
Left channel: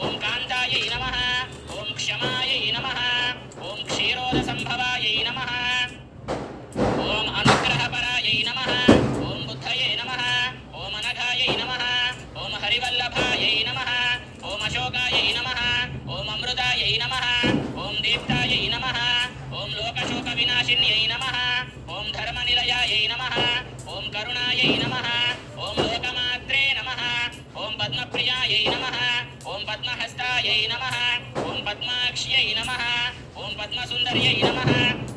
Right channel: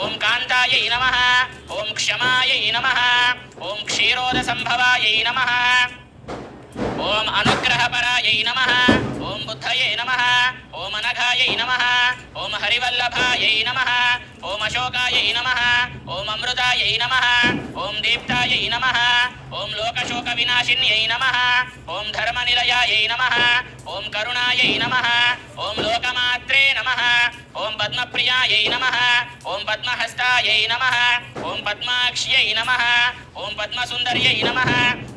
ఓం కాంతాయై నమః, ఓం క్షమాయై నమః, ఓం క్షీరోదసంభవాయై నమః, ఓం అనుగ్రహపరాయై నమః, ఓం బుద్ధయే నమః, ఓం అనఘాయై నమః, ఓం హరివల్లభాయై నమః, ఓం అశోకాయై నమః, ఓం అమృతాయై నమః, ఓం దీప్తాయై నమః, ఓం లోకశోక వినాశిన్యై నమః, ఓం ధర్మనిలయాయై నమః, ఓం కరుణాయై నమః, ఓం లోకమాత్రే నమః, ఓం పద్మప్రియాయై నమః, ఓం పద్మహస్తాయై నమః, ఓం పద్మాక్ష్యై నమః, ఓం పద్మసుందర్యై నమః,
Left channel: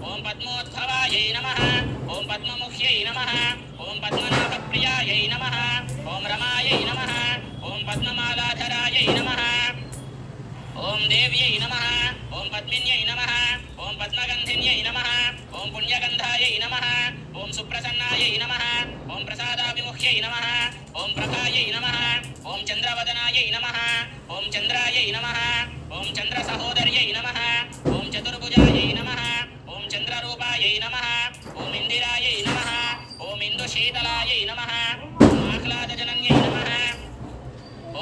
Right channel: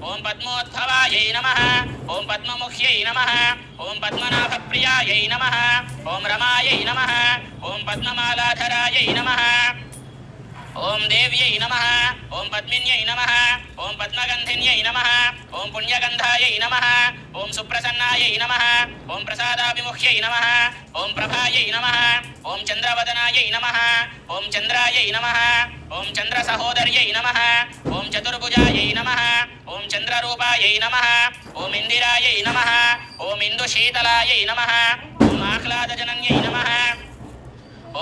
ఓం పద్మోద్భవాయై నమః, ఓం పద్మముఖ్యై నమః, ఓం పద్మనాభప్రియాయై నమః, ఓం రమాయై నమః, ఓం పద్మమాలాధరాయై నమః, ఓం దేవ్యై నమః, ఓం పద్మిన్యై నమః, ఓం పద్మగంధిన్యై నమః, ఓం పుణ్యగంధాయై నమః, ఓం సుప్రసన్నాయై నమః, ఓం ప్రసాదాభిముఖ్యై నమః, ఓం ప్రభాయై నమః, ఓం చంద్రవదనాయై నమః, ఓం చంద్రాయై నమః, ఓం చంద్ర సహోదర్యై నమః, ఓం చతుర్భుజాయై నమః, ఓం చంద్రరూపాయై నమః, ఓం ఇందిరాయై నమః, ఓం ఇందుశీతలాయై నమః, ఓం ఆహ్లాదజనన్యై నమః,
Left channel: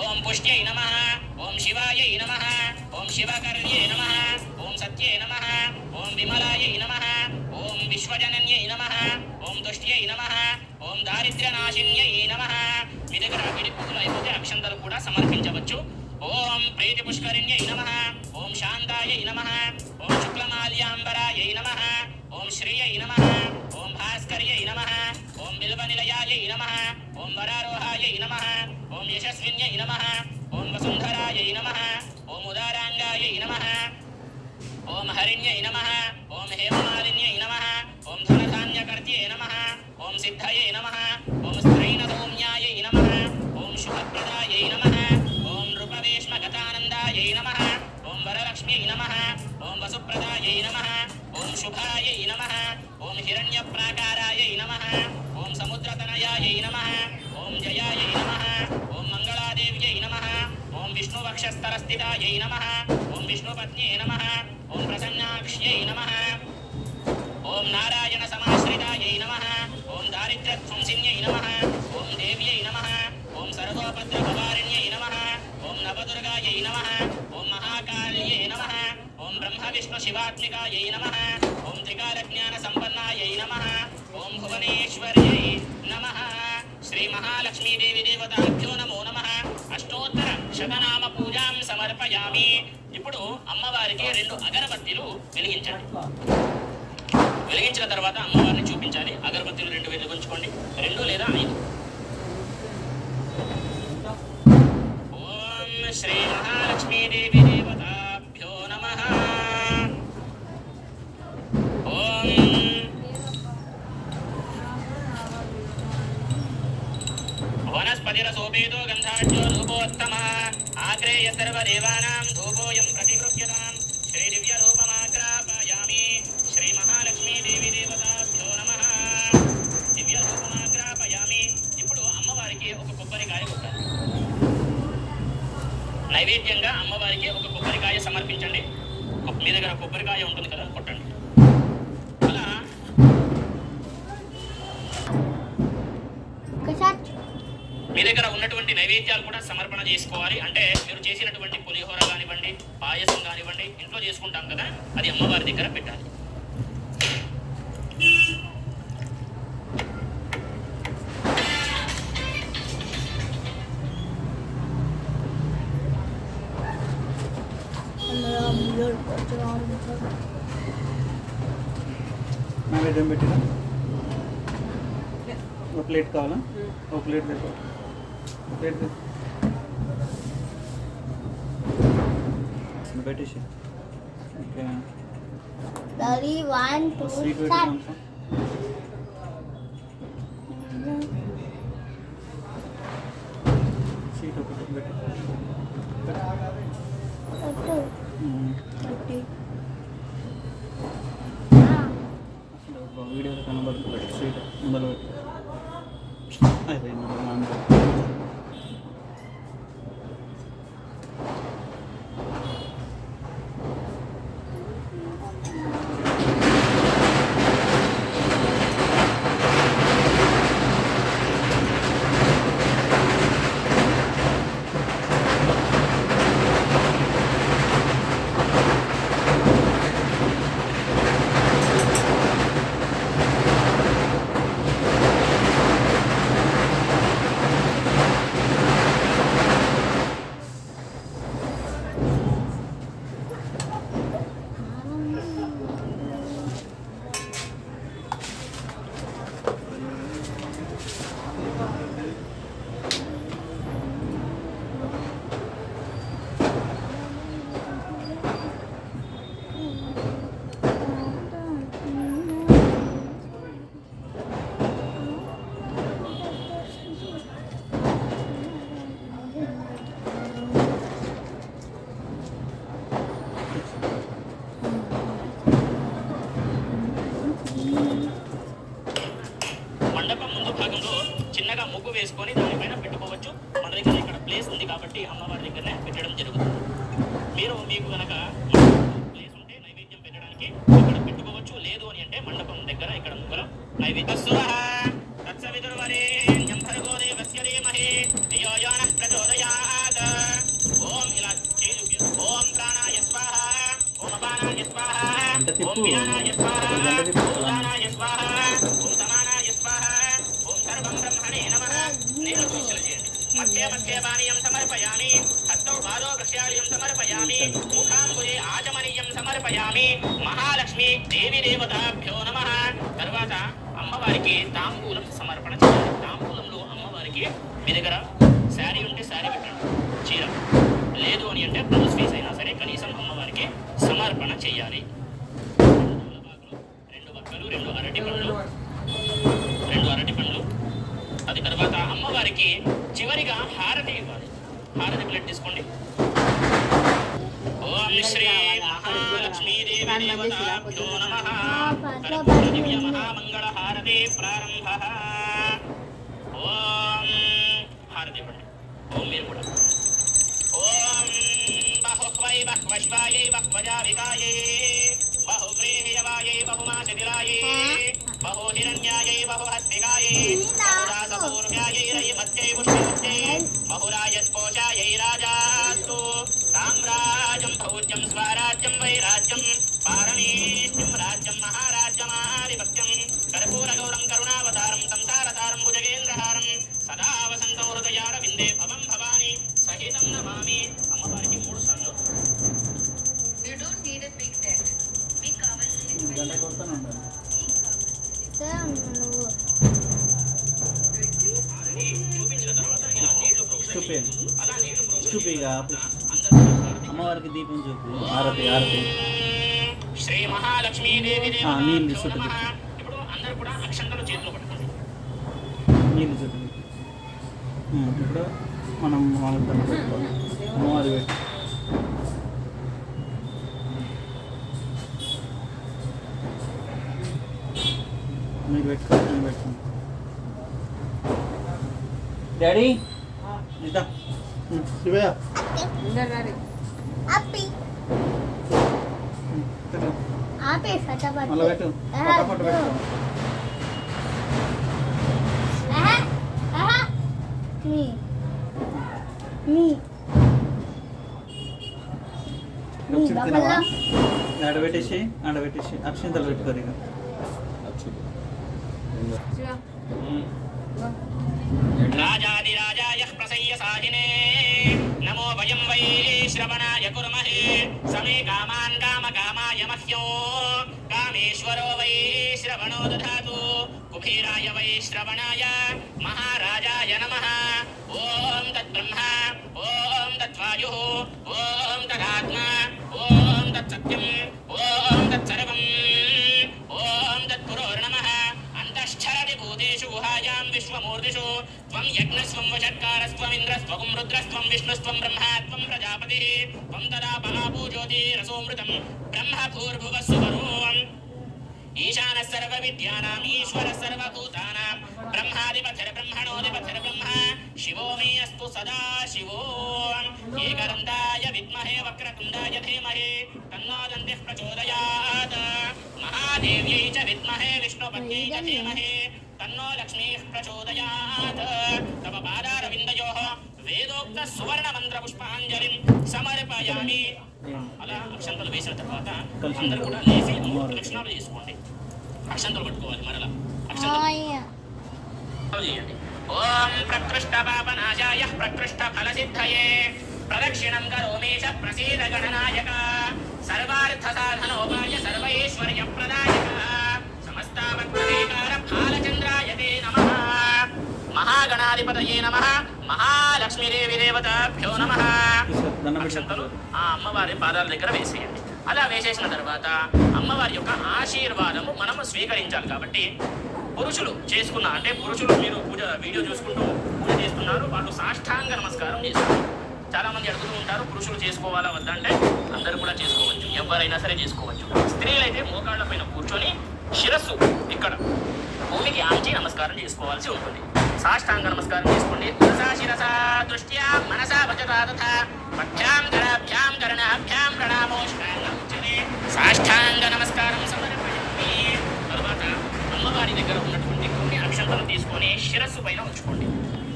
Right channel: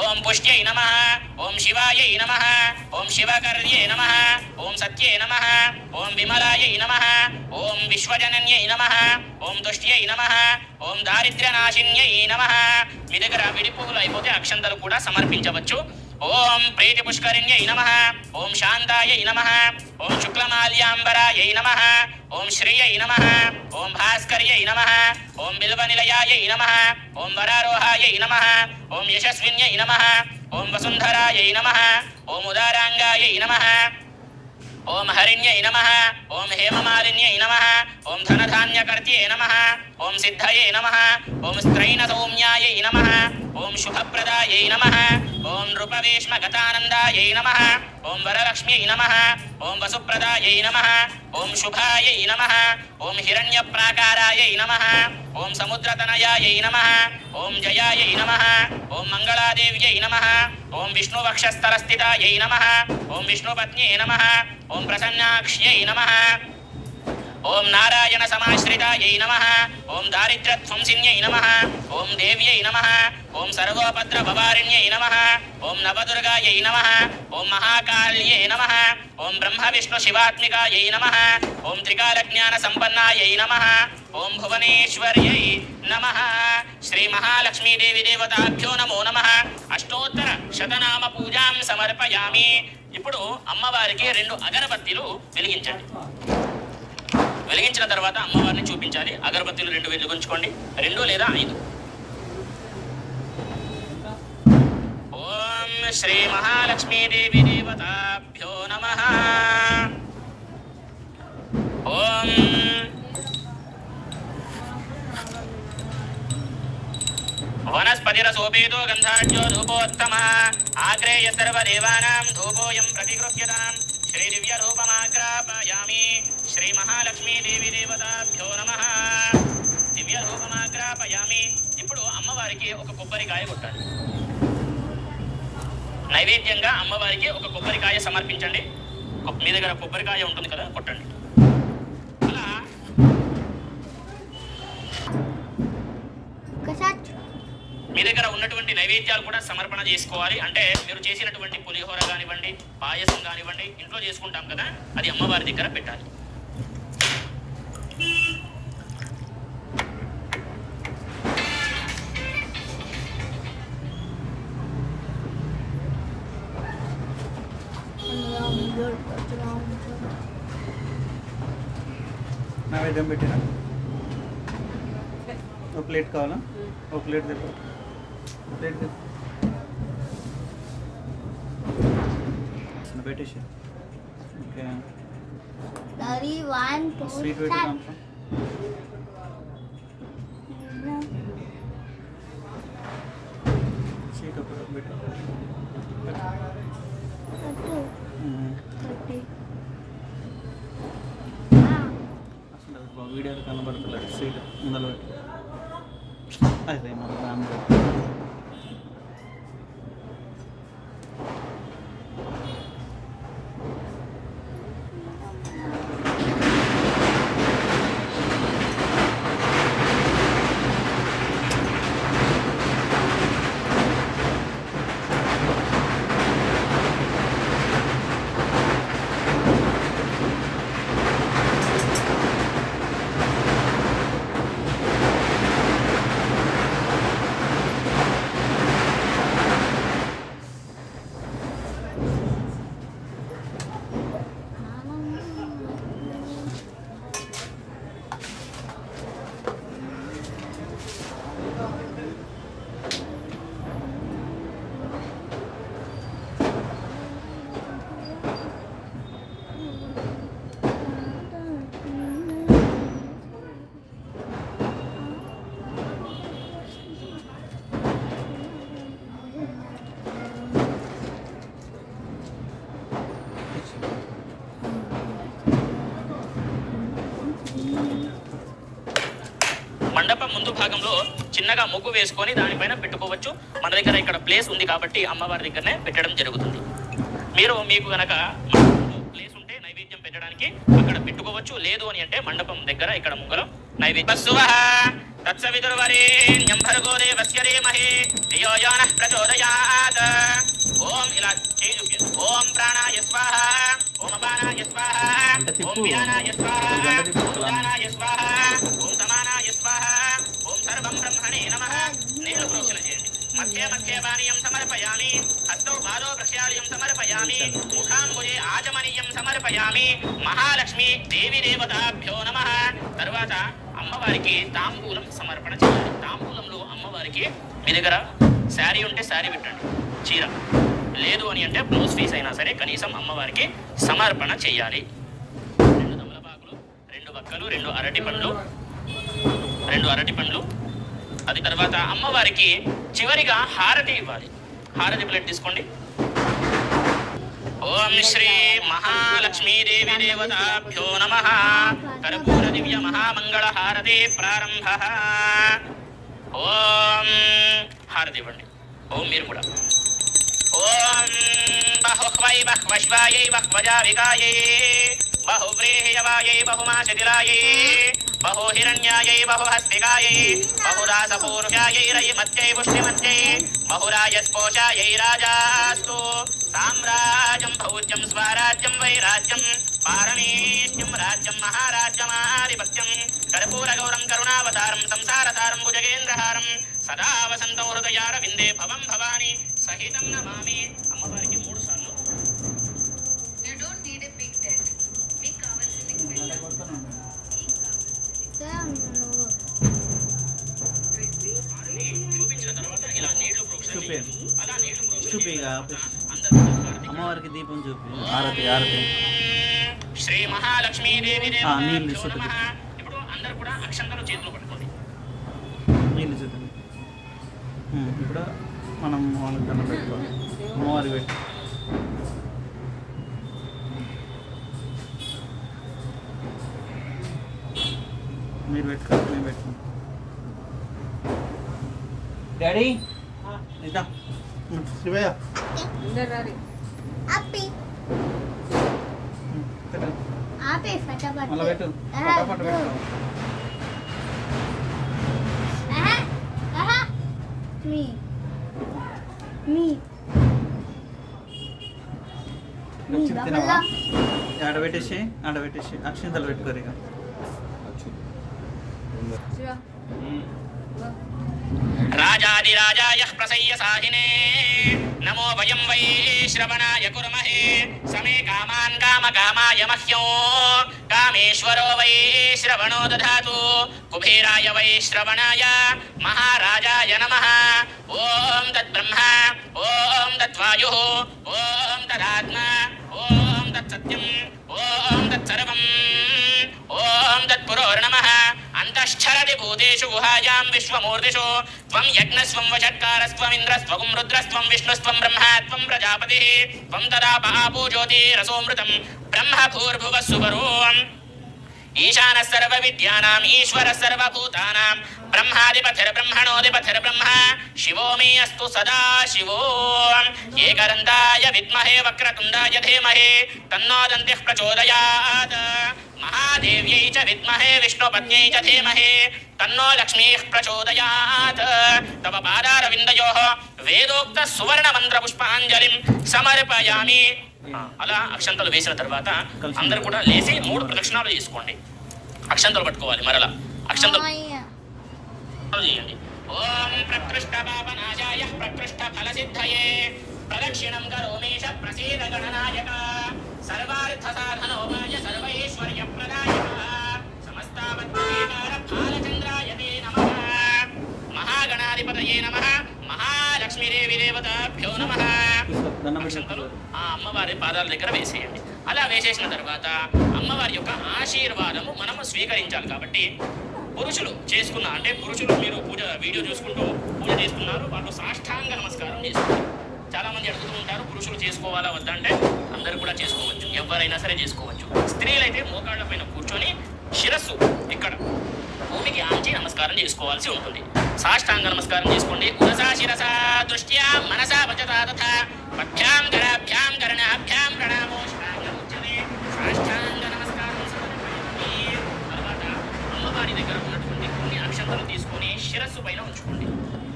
ఓం పుష్ట్యై నమః, ఓం శివాయై నమః, ఓం శివకర్యై నమః, ఓం సత్యై నమః, ఓం విమలాయై నమః, ఓం విశ్వజనన్యై నమః, ఓం తుష్ట్యై నమః, ఓం దారిద్ర్యనాశిన్యై నమః. మీ దగ్గర విడి పువ్వులు అయిపోతే అక్షంతలు కూడా సమర్పించవచ్చు. ఓం ప్రీతి పుష్కరిణ్యై నమః, ఓం శాంతాయై నమః, ఓం శుక్లమాల్యాంబరాయై నమః, ఓం శ్రీయై నమః, ఓం భాస్కర్యై నమః, ఓం బిల్వనిలయాయై నమః, ఓం వరారోహాయై నమః, ఓం యశస్విన్యై నమః, ఓం వసుంధరాయై నమః, ఓం ఉదారాంగాయై నమః, ఓం హరిణ్యై నమః, ఓం హేమమాలిన్యై నమః, ఓం ధనధాన్యకర్త్యై నమః, ఓం సిద్ధయే నమః, ఓం స్త్రైణ సౌమ్యాయై నమః, ఓం శుభప్రదాయై నమః, ఓం నృపవేష్మగతానందాయై నమః, ఓం వరలక్ష్మ్యై నమః, ఓం వసుప్రదాయై నమః, ఓం శుభాయై నమః, ఓం హిరణ్యప్రాకారాయై నమః, ఓం సముద్రతనయాయై నమః, ఓం జయాయై నమః, ఓం మంగళాదేవ్యై నమః, ఓం విష్ణువక్షస్థలస్థితాయై నమః, ఓం విష్ణుపత్న్యై నమః, ఓం ప్రసన్నాక్ష్యై నమః, ఓం నారాయణ సమాశ్రితాయై నమః, ఓం దారిద్ర్యధ్వంసిన్యై నమః, ఓం దేవ్యై నమః, ఓం సర్వోపద్రభవారిణ్యై నమః, ఓం నవదుర్గాయై నమః, ఓం మహాకాళ్యై నమః, ఓం బ్రహ్మ విష్ణు శివాత్మికాయై నమః, ఓం త్రికాలజ్ఞాన సంపన్నాయై నమః, ఓం భువనేశ్వర్యై నమః. శ్రీ మహాలక్ష్మీదేవి దేవతాభ్యో నమో నమః. అష్టోత్తర శతనామ పూజాం సమర్పయామి. ఇప్పుడు అమ్మవారికి 2 అగరబత్తీలు వెలిగించండి. వెలిగించిన తర్వాత అమ్మవారిని చూపించాలి. అగరబత్తీలు 2 వెలిగించుకోండి, 2 లేదా 5. ఓం శ్రీ మహాలక్ష్మీదేవి దేవతాభ్యో నమః. ఓం వనస్పతిరసోపేతో గంధాఢ్యో ధూపోత్తమ ఆగ్రేయ సర్వదేవానాం ధూపోయం ప్రతిగృహ్యతాం శ్రీ దివ్య రూపమాగ్రాపయామి. శ్రీ మహాలక్ష్మీదేవి దేవతాభ్యో నమః. దివ్య రూపమాగ్రాపయామి. ఇప్పుడు అమ్మవారికి ఒక కొబ్బరికాయ కొట్టాలి. నైవేద్యంగా అమ్మవారికి ఒక కొబ్బరికాయ సమర్పించండి. మీ దగ్గర కొబ్బరికాయ ఉంటుంది కదా, కొట్టండి. అలా మీ దగ్గర ఉన్నటువంటి నైవేద్యాలు కూడా సమర్పణ చేసుకోవాలి. అంటే మీరు చేసినటువంటి పులిహోర కానివ్వండి, పాయసం కానివ్వండి, ఇంట్లో చేసుకుంటాం కదా, అది అమ్మవారి దగ్గర పెట్టాలి. నైవేద్యం పెట్టిన ఒక ప్లేట్ కావాలా? ఒక ప్లేట్ దగ్గర ప్లేట్ పెట్టేసి ఓకే. స్వీట్ పెట్టినాం. స్వీట్ ఒకటి పెట్టి వీడియోలో కనబడుతుంది. స్వీట్ ముందర పెట్టి అదే మండపం ముందు భాగంలో చిన్నగా ముగ్గు వేసుకొని దానిపైన పెట్టుకోవచ్చు. మన దగ్గర ఇక్కడ ప్లేస్ ఉంది కాబట్టి అమ్మవారి దగ్గరనే పెట్టడం జరుగుతుంది. మీకు గనక ప్లేస్ ఉంటే నైవేద్యం పెట్టడానికి అక్కడ పెట్టుకోవచ్చు. లేదు అని అంటే మండపం దగ్గర ఇక్కడ ముగ్గురం నైవేద్యం. ఓం ఇలా చేయి. ఓం ప్రాణాయ స్వాహ, ఓం అపానాయ స్వాహ, ఓం వ్యానాయ స్వాహ, ఓం ఉదానాయ స్వాహ, ఓం సమానాయ స్వాహ, ఓం సర్వం బ్రహ్మణే నమః. నేను ప్రోక్షణ చేయండి. మధ్య మధ్య పానీయం సమర్పయామి, హస్తౌ బాలో వృక్షాలయం సమర్పయామి, ముఖాంబుజే ఆచమనీయం సమర్పయామి. మహాలక్ష్మి దేవి దేవతాభ్యో నమః. తర్వాత అమ్మవారికి తాంబూలం సమర్పణ చేయాలి. తాంబూలంలో అమ్మవారికి మీ దగ్గర శారీ ఉంటే శారీ పెట్టండి, చీర లేదు అని అంటే బ్లౌజ్ పీస్ అయినా సరే కనీసం అమ్మవారికి సమర్పణ చేయాలి. 2 తమలపాకులు, 2 వక్కలు, 2 అరటి పండ్లు. అది తర్వాత అమ్మవారికి చివరిగా హారతి ఇవ్వాలి. హారతి ప్లేట్ తీసుకోండి. ఓం శ్రీ మహాలక్ష్మీదేవి దేవతాభ్యో నమః. కర్పూర దివ్య మహామంగళ హారతి ప్రారంభ. ఓం హారతి ఇవ్వండి. ఓం మీరు కూడా. ఓం బహుహ్వై బహ్వశ్వాయై బహ్వజావికాయై బహువ్రీహ్యవాయై బహుమాశతిలాయై బహుహిరణ్యాయై బహుహస్తికాయై బహురాసపూర్వ్యాయై రయమత్యై పుష్టిమత్యై బహురాజస్పోషాయై రాజాస్తు. సామ్రాజ్యం భౌజ్యం స్వరాజ్యం వైరాజ్యం పారమేష్ట్యం రాజ్యం మహారాజ్యమాధిపత్యం కర్పూరగౌరం కరుణావతారం సంసారతారం భుజగేంద్రహారం సదా వసంతం హృదయారవిందే భవం భవాని సహితం నమామి. అమ్మవారికి 3 సార్లు. చూపించిన తర్వాత ఇలా నీళ్లు అమ్మవారికి దీపం చూపి హారతి హారతి. శ్రీ మహాలక్ష్మీదేవి నీళ్ళు ఇప్పుడు అందరూ కూడా అక్షంతలు చేతులు పట్టుకోండి. నీళ్ళు చూపి. ఇప్పుడు మనం మామూలు పెట్టుకోవాలి. అమ్మవారి పెట్టి మీరు పెట్టుకోండి. నేను పెట్టుకోండి. డాడీ ఇదా శివయ్య అందరు రారి. Api. Api fatapat. మళ్ళీ పెట్టు ఫటాఫట్ పెట్టు. Me. Me. Me. చిప్ తినవా? Babala. ఆడబెట్టేసి అక్షింతలు పెట్టుకోరు ఇక. శివ, ఇగో. రాజాదిరాజాయ ప్రసయ్య సాహినే నమో వయం వై శ్రవణాయ కుర్మహే సమే కామాన్ కామకామాయ మహ్యం కామేశ్వరో వై శ్రవణో దధాతు కుబేరాయ వై శ్రవణాయ మహారాజాయ నమః ఓం తద్బ్రహ్మ ఓం తద్వాయుః ఓం తదాత్మ ఓం తత్సత్యం ఓం తత్సర్వం ఓం తత్పురోర్నమః అంతఃశ్చరతి భూతేషు గుహాయాం విశ్వమూర్తిషు త్వం యజ్ఞస్వం వషట్కారస్త్వమింద్రస్త్వం రుద్రస్త్వం విష్ణుస్త్వం బ్రహ్మ త్వం ప్రజాపతిః త్వం తదాపో జ్యోతిరసోమృతం బ్రహ్మ భూర్భువః సువరోం ఈశానः సర్వవిద్యానాం ఈశ్వరः సర్వభూతానాం బ్రహ్మాధిపతిర్బ్రహ్మణోధిపతిర్బ్రహ్మ శివో మే అస్తు సదా శివో ఏకదంతాయ విద్మహే వక్రతుండాయ ధీమహి తన్నో దంతిః ప్రచోదయాత్ మహాదేవ్యై చ విద్మహే విష్ణుపత్న్యై చ ధీమహి తన్నో లక్ష్మీః ప్రచోదయాత్ తవ పాదారవిందయోః వేదోక్త సువర్ణ మంత్ర పుష్పాంజలిం సమర్పయామి. అలా అక్షంతలు వేసిన తర్వాత అందరూ కూడా లేచి 3 ప్రదక్షిణాలు చేసుకోండి. అక్షంతలు పట్టుకోవాలి. మరలా అక్షంతలు చేయండి. ఓం ప్రకృష్ట పాపనాశాయ ప్రకృష్ట ఫలసిద్ధయే ప్రదక్షిణం కరోమేష ప్రసీద గణనాయక సర్వార్థ సాధనోపాయ సర్వైశ్వర్య ప్రదాయక సమస్తావత్మనేకార బాలచంద్రాయ తే నమః మహాగణాధిపతయే నమః మహాలక్ష్మీదేవి దేవతాభ్యో నమః. దండం పెట్టి అక్షంతలు ఆ అమ్మవారి పాదాల దగ్గర వేసేయండి. అలా వేసేసిన తర్వాత అమ్మవారి యొక్క ఆశీర్వాదము మనము స్వీకరించాలి. కాబట్టి పురుషులు చేసుకున్న అంటే పురుషులు మీరు పూజ వీడియో చూసుకుంటూ పూజ చేస్తున్నారు, వాళ్ళు సాష్టాంగ నమస్కారం చేస్తారు. చాలా మంది అడుగుతూ ఉంటారు పురుషులు చేసుకోవాలా వద్దంటే అందరూ కూడా చేసుకోవచ్చు, ఎవరైనా సరే చేసుకోవచ్చు. స్త్రీలైతే మోకాళ్ళ పైన కూర్చొని శిరస్సు ఇక్కడ భూమికి ఆంచి నమస్కారం చేసుకోవాల్సి ఉంటుంది. సాష్టాంగ నమస్కారం చేసుకోండి. ఉదసా శిరసా దృష్ట్యా మనసా వచతా తథా పద్భ్యాం కరాభ్యాం కరణాభ్యాం ప్రణామోష్టాంగం ఉచ్యతే. సాష్టాంగ నమస్కారం సమర్పయండి. తర్వాత అమ్మవారి దగ్గర ఉన్నటువంటి కొన్ని అక్షంతలు తీసుకొని శిరస్సు పైన ఉంచుకోండి.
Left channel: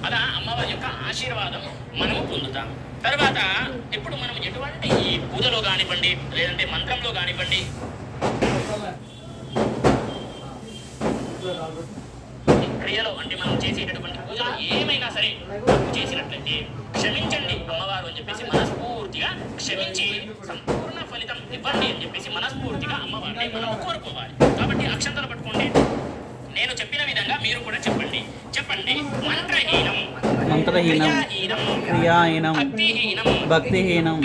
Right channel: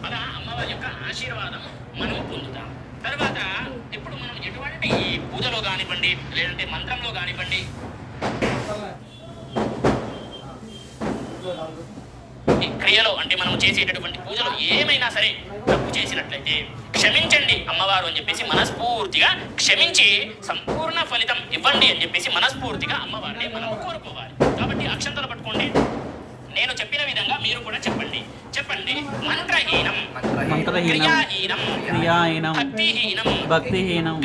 అలా అమ్మవారి యొక్క ఆశీర్వాదం మనము పొందుతాం. తర్వాత ఇప్పుడు మనం ఎటువంటి పూజలో కానివ్వండి లేదంటే మంత్రంలో కానివ్వండి ఈ క్రియలో అంటే మనం చేసేటటువంటి పూజలు ఏమైనా సరే తప్పు చేసినట్లయితే క్షమించండి అమ్మవారు అని చెప్పేసి మనస్ఫూర్తిగా క్షమించి సంపూర్ణ ఫలితం ఇవ్వండి అని చెప్పేసి మనస్ఫూర్తిగా అమ్మవారిని మనం కోరుకోవాలి. కాబట్టి అక్షంతలు పట్టుకోండి. నేను చెప్పిన విధంగా మీరు కూడా చెప్పండి. మంత్రహీనం క్రియాహీనం భక్తిహీనం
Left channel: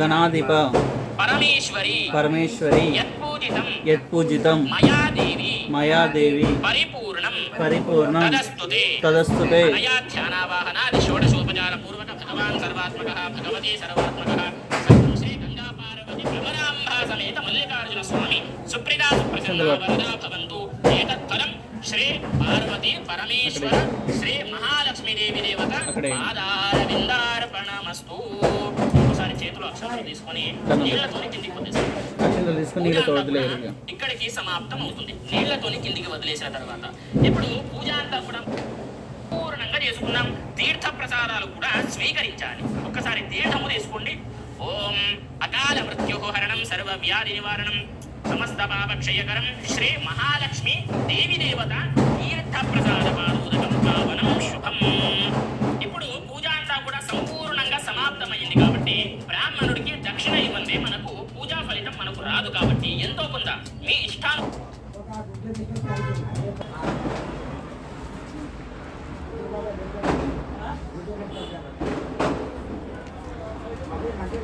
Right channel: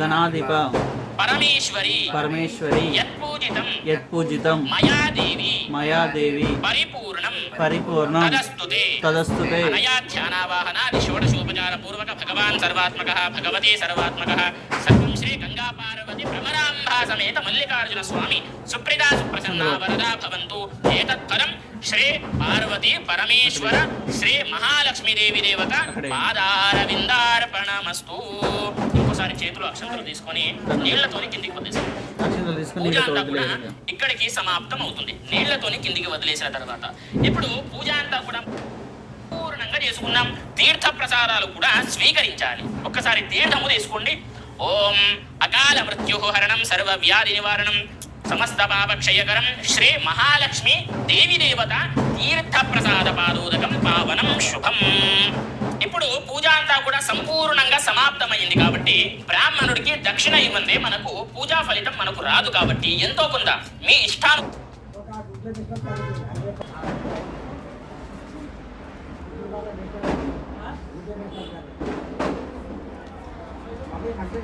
గణాధిప పరమేశ్వరి యత్పూజితం మయాదేవి పరిపూర్ణం తదస్తుతే. భగవాన్ సర్వాత్మకః భగవతి సర్వాత్మకః సర్వం శ్రీ గంగా పార్వతి భ్రమరాంబా సమేత మల్లికార్జున స్వామి సుప్రీతా సుప్రసన్నా వరదా భవంతు. ఏతత్పరం శ్రీ పార్వతి పరమేశ్వర శ్రీ మహాలక్ష్మీదేవి దేవత పాదారవిందార్పణమస్తు. ఇంకోసారి చేతులు అక్షంతలు తీసుకొని నీళ్లతోని కిందికి వదిలేసి ఇక్కడికి సమాప్తం అవుతుంది. నీళ్లతోని కిందికి వదిలేసిన తర్వాత ఇప్పుడు పూజ అంతా కూడా పూర్ణంగా చేసుకున్నాం. తీర్థ ప్రసాదాలు కూడా స్వీకరించాలి. ఒక్కసారి తీర్థము తీసుకోండి. ఓం అకాల మృత్యుహరణం సర్వ వ్యాధి నివారణం సమస్త పాపక్షయకరం శ్రీ మహాలక్ష్మి దేవి దేవత తీర్థ ప్రసాద పాదోదకం పావనం శుభం. ఇప్పుడు పూజ అంతా కూడా సంపూర్ణంగా సమాప్తమైంది కాబట్టి బ్రాహ్మణుడికి దక్షిణ ఇవ్వందే మనకు పూజా ఫలితం మనకు రాదు. కాబట్టి ఎంతో కొంత మీ ఇష్టాను అంటే